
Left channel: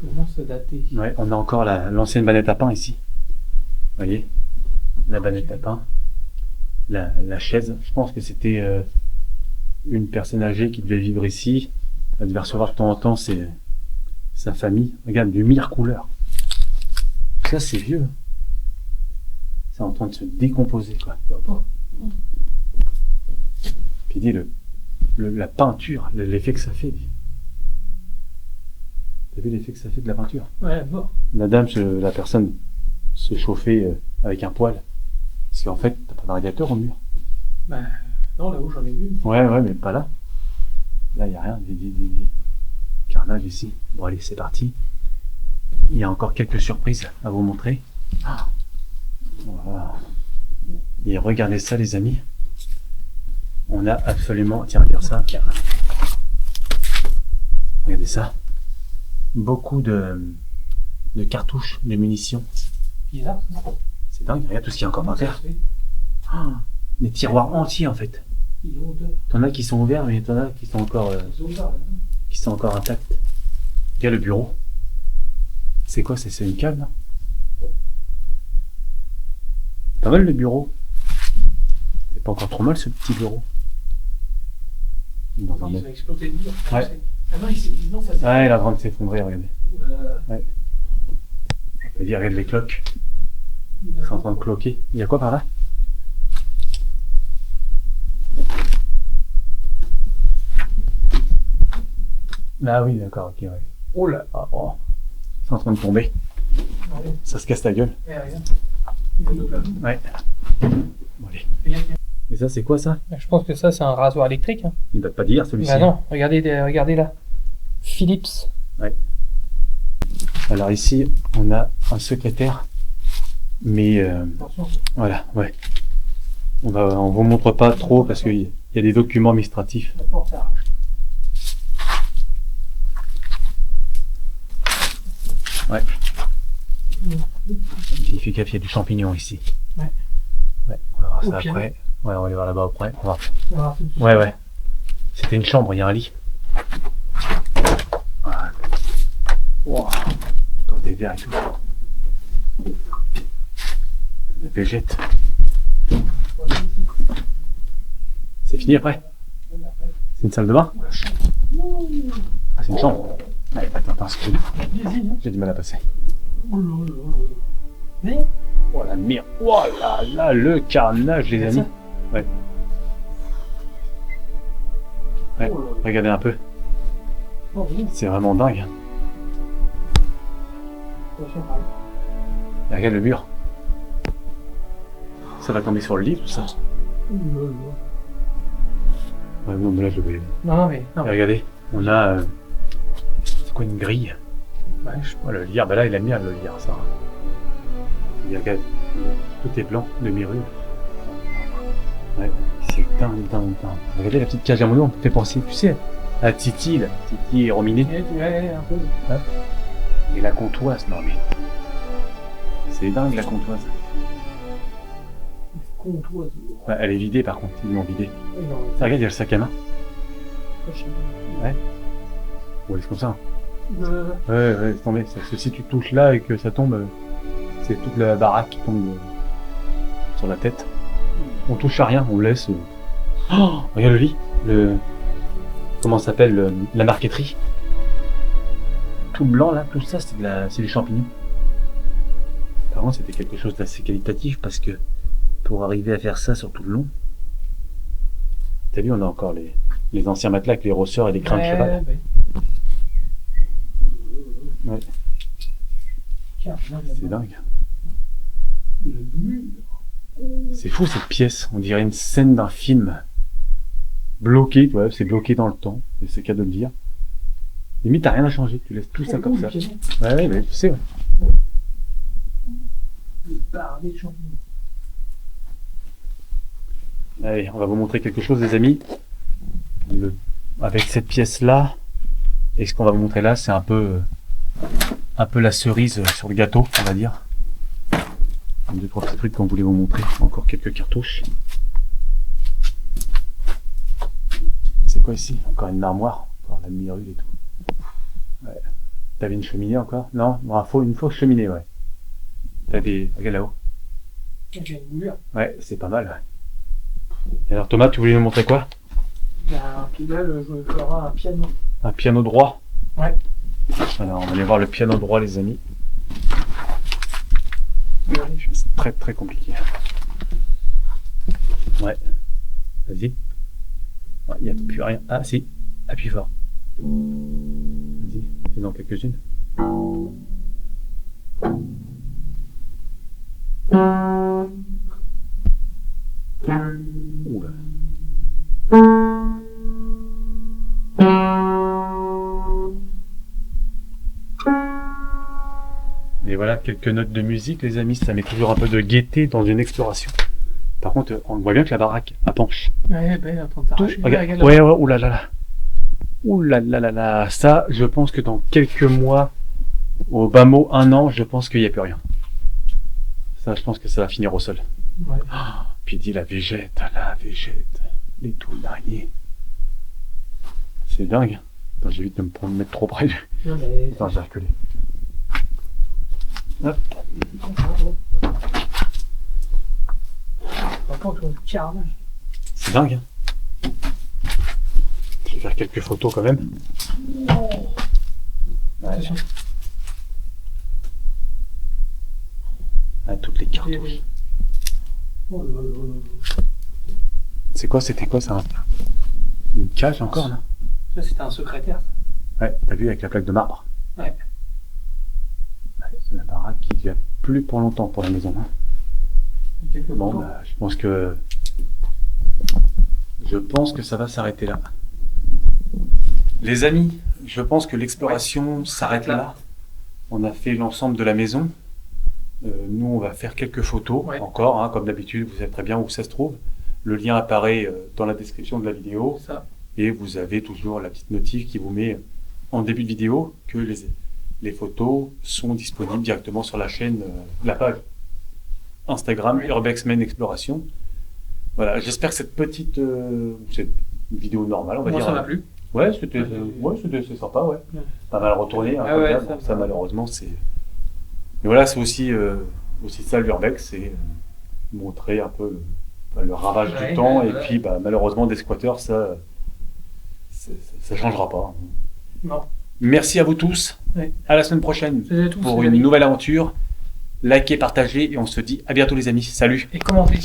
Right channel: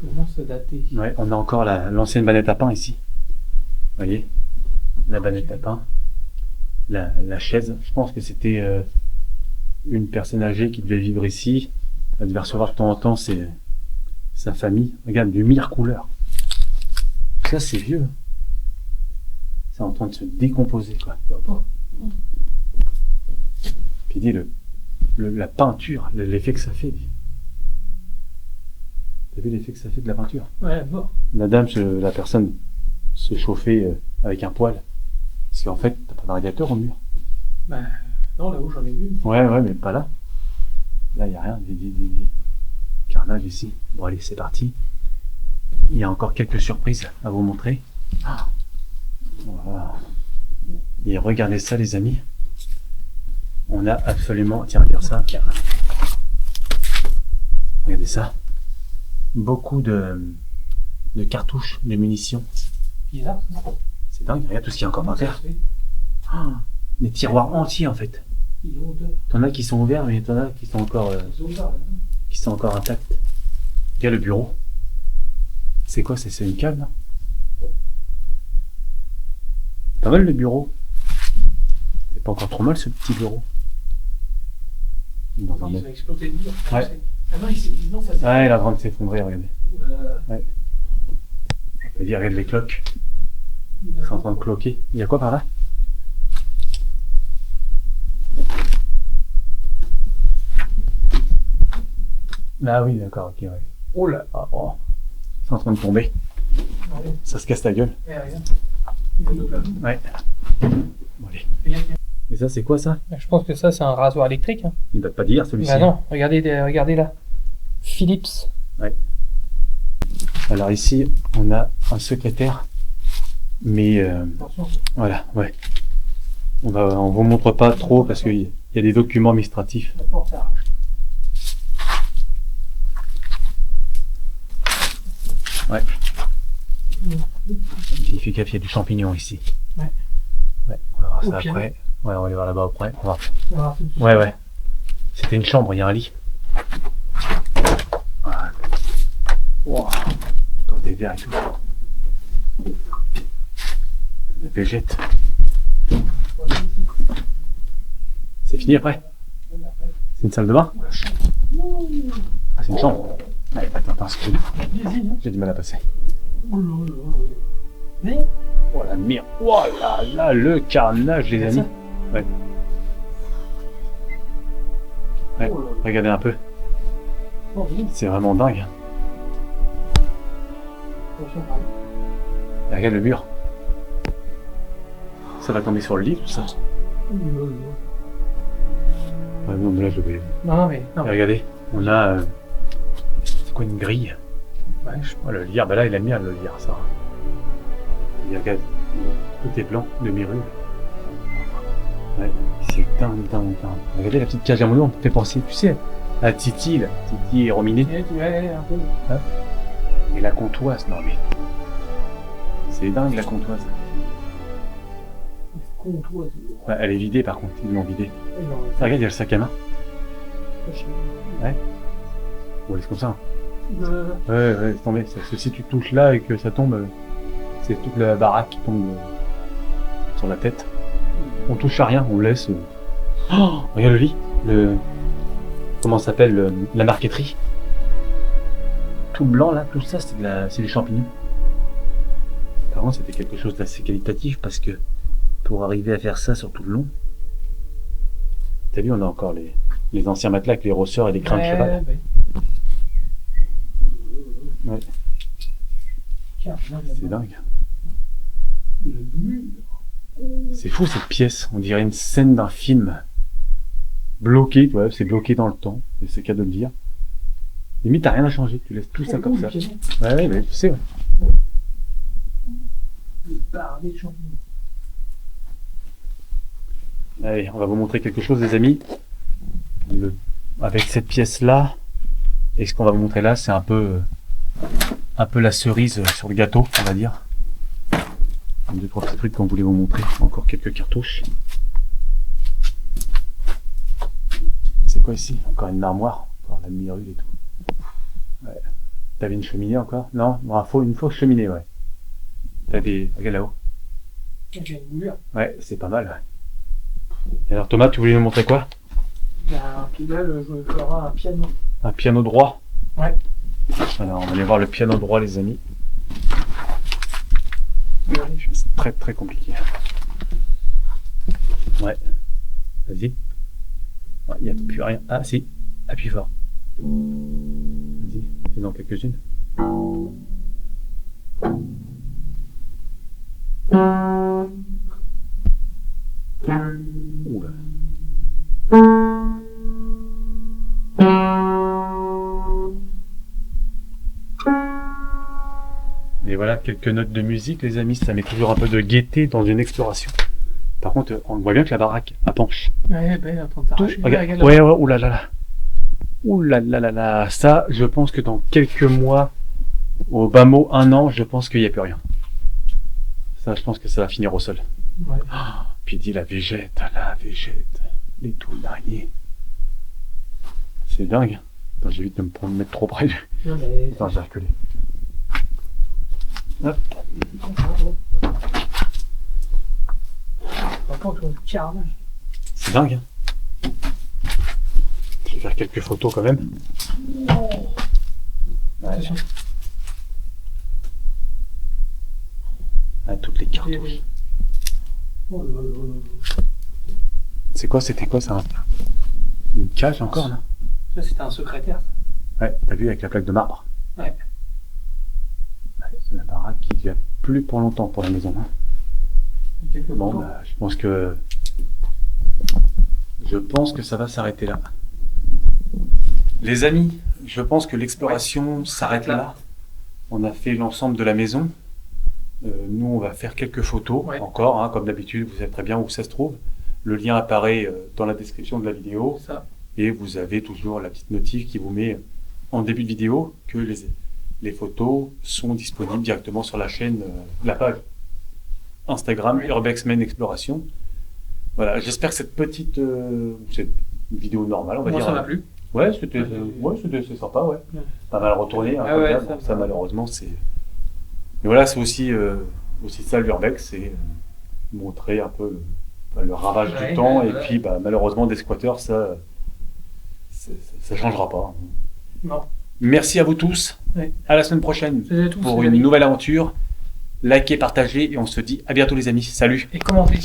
Comment ça dater? Ouais, on a encore l'ancienne banette à pain ici. Vous voyez? La banette à pain. La chaise. Je pense que c'était une personne âgée qui devait vivre ici. Elle devait recevoir de temps en temps sa famille. Regarde, du mire couleur. Ça, c'est vieux. C'est en train de se décomposer, quoi. Puis dis la peinture, l'effet que ça fait. T'as vu l'effet que ça fait de la peinture? Ouais, bon. La personne se chauffait avec un poêle. Parce qu'en fait, t'as pas de radiateur au mur. Bah, non, là-haut, j'en ai vu. Ouais, mais pas là. Là, il n'y a rien. Carnage ici. Bon, allez, c'est parti. Il y a encore quelques surprises à vous montrer. Voilà. Et regardez ça, les amis. On a absolument... Tiens, regarde ça. Regardez ça. Beaucoup de cartouches, de munitions. Bizarre, ça. C'est dingue, regarde tout ce qu'il y a encore par terre. Des tiroirs entiers, en fait. Ils ont odeur. T'en as qui sont ouverts, mais t'en as qui sont encore... Ils ont odeur, là. qui sont encore intactes. Regarde le bureau. C'est quoi? C'est une cave, là? Pas mal le bureau. C'est pas encore trop mal ce petit bureau. Dans un Ils mètre. ont explosé le mur. Ouais. Ah non, non, ça Ouais, il est en train de s'effondrer, regardez. c'est. On peut dire, regarde les cloques. C'est en train de cloquer. Il y a quoi par là? Ah oui, d'accord, ok, ouais. Oh là. Ah, oh. C'est en train de tomber. Ouais. Ça se casse la gueule. Eh, regarde. Il fait de l'eau. Ouais. Bon, allez. Regarde. Et ça, c'est quoi ça? Je pense que ça, c'est un rasoir électrique. Hein. Il date pas d'hier celui-ci. Bah non, regardez là. Philips. Alors ici, on a un secrétaire. Mais Attention. voilà, ouais. On vous montre pas trop parce qu'il y a des documents administratifs. La porte arrache. Ouais. Il fait gaffe, il y a du champignon ici. Ouais. Ouais, on va voir Au ça piano. après. Ouais, on va aller voir là-bas après. On va voir. Voilà, tout de suite. Ouais, ouais. C'était une chambre, il y a un lit. Voilà. Wow. Dans des verres et tout. La végète. C'est fini après? C'est une salle de bain? Ah, c'est une chambre. Ouais, attends, excuse-moi. J'ai du mal à passer. Mais Oh la merde. Oh là là, le carnage, les amis. Ouais. Ouais, regardez un peu. Oh, oui. C'est vraiment dingue. Attention, pareil. Et regarde le mur. Ça va tomber sur le lit, tout ça. Ouais, non, mais là, je vais. Non, mais. Non. Et regardez, on a. C'est quoi une grille? Ouais, je... Oh, le lierre, bah là, il a mis le lierre, ça. Et regarde, tout est blanc, demi-rue. Ouais, c'est dingue. Regardez la petite cage à mono, on me fait penser, tu sais, à Titi, là. Titi et Rominé. Ouais, un peu. Et la comptoise, non mais. C'est dingue la comptoise. Comptoise. Ouais, elle est vidée par contre, ils l'ont vidée. Oui, non, Ah, regarde, il y a le sac à main. ouais. On laisse comme ça. Ouais, laisse tomber. Parce que si tu touches là et que ça tombe, c'est toute la baraque qui tombe sur la tête. On touche à rien, on laisse. Oh, regarde le lit. Comment ça s'appelle la marqueterie. Tout blanc là, tout ça, c'est des champignons. Par contre, c'était quelque chose d'assez qualitatif parce que pour arriver à faire ça sur tout le long, t'as vu, on a encore les anciens matelas avec les rosseurs et les crins de cheval. Ouais. C'est dingue. C'est fou cette pièce, on dirait une scène d'un film. Bloqué, ouais, c'est bloqué dans le temps, et c'est qu'à de le dire. Limite, t'as rien à changer, tu laisses tout ça comme ça. Ouais, mais tu sais, ouais. Allez, on va vous montrer quelque chose, les amis. Avec cette pièce-là, et ce qu'on va vous montrer là, c'est un peu la cerise sur le gâteau, on va dire. Deux, trois petits trucs qu'on voulait vous montrer. Encore quelques cartouches. C'est quoi ici? Encore une armoire. Encore la demi-rue et tout. Ouais. T'avais une cheminée encore? Non, une fausse cheminée, ouais. Regarde là-haut. Ouais, c'est pas mal, ouais. Et alors Thomas, tu voulais nous montrer quoi? Puis là, je ferai un piano. Un piano droit? Ouais. Alors, on va aller voir le piano droit, les amis. C'est très très compliqué. Ouais. Vas-y. Il n'y a plus rien. Ah si. Appuie fort. Vas-y. Fais-en quelques-unes. Oula. Et voilà quelques notes de musique, les amis. Ça met toujours un peu de gaieté dans une exploration. Par contre, on voit bien que la baraque à penche. Ouais, ben, attends, t'arraches. Regarde. Ouais, oulala. Oulala. Ça, je pense que dans quelques mois, au bas mot, 1 an, je pense qu'il n'y a plus rien. Ça, je pense que ça va finir au sol. Ouais. Oh, puis dit la végète, les toules d'araignée. C'est dingue. Attends, j'évite de me mettre trop près. Non, mais... Attends, j'ai reculé. Hop. Par contre, on carnage. C'est dingue. Hein. Je vais faire quelques photos quand même. Attention. Ah, toutes les cartouches. Oh là là. C'est quoi? C'était quoi ça? Une cage encore là? Ça, c'était un secrétaire. Ouais, t'as vu avec la plaque de marbre. Ouais. La baraque qui ne tient plus pour longtemps pour la maison. Hein. Bon, bah, je pense que ça va s'arrêter là. Les amis, je pense que l'exploration s'arrête là. On a fait l'ensemble de la maison. Nous, on va faire quelques photos encore, hein, comme d'habitude. Vous savez très bien où ça se trouve. Le lien apparaît dans la description de la vidéo. Ça. Et vous avez toujours la petite notif qui vous met en début de vidéo que les photos sont disponibles directement sur la chaîne, la page Instagram Urbex Men Exploration. Voilà, j'espère que cette petite cette vidéo normale, on va Moi, dire. ça m'a plu. Ouais, c'est sympa, ouais. Pas mal retourné, hein, Ah comme ouais, d'hab. Ça malheureusement, c'est. Mais voilà, c'est aussi ça l'Urbex, c'est montrer un peu le ravage du temps, et puis malheureusement des squatteurs, ça changera pas. Non. Merci à vous tous. Ouais. À la semaine prochaine pour une nouvelle aventure. Likez, partagez et on se dit à bientôt les amis. Salut. Et commentez.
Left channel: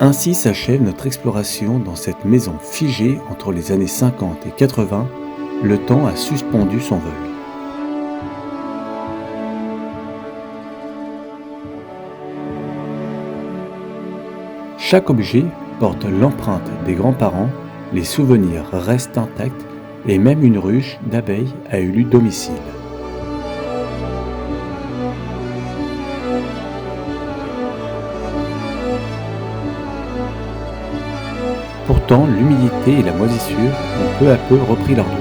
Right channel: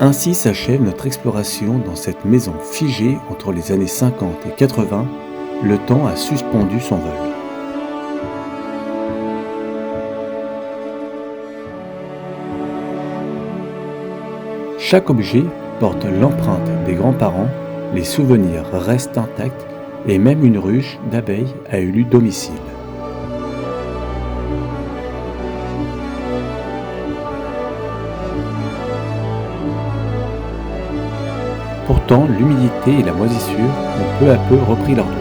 Ainsi s'achève notre exploration dans cette maison figée entre les années 50 et 80. Le temps a suspendu son vol. Chaque objet porte l'empreinte des grands-parents, les souvenirs restent intacts et même une ruche d'abeilles a élu domicile. Pourtant, l'humidité et la moisissure ont peu à peu repris leur droit.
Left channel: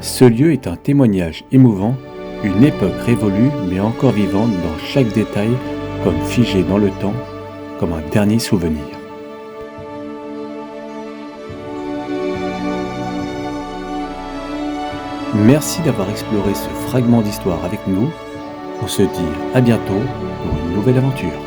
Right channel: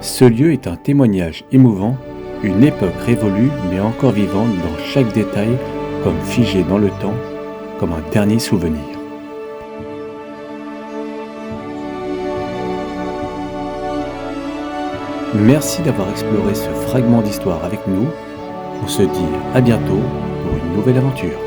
Ce lieu est un témoignage émouvant, une époque révolue mais encore vivante dans chaque détail, comme figée dans le temps, comme un dernier souvenir. Merci d'avoir exploré ce fragment d'histoire avec nous. On se dit à bientôt pour une nouvelle aventure.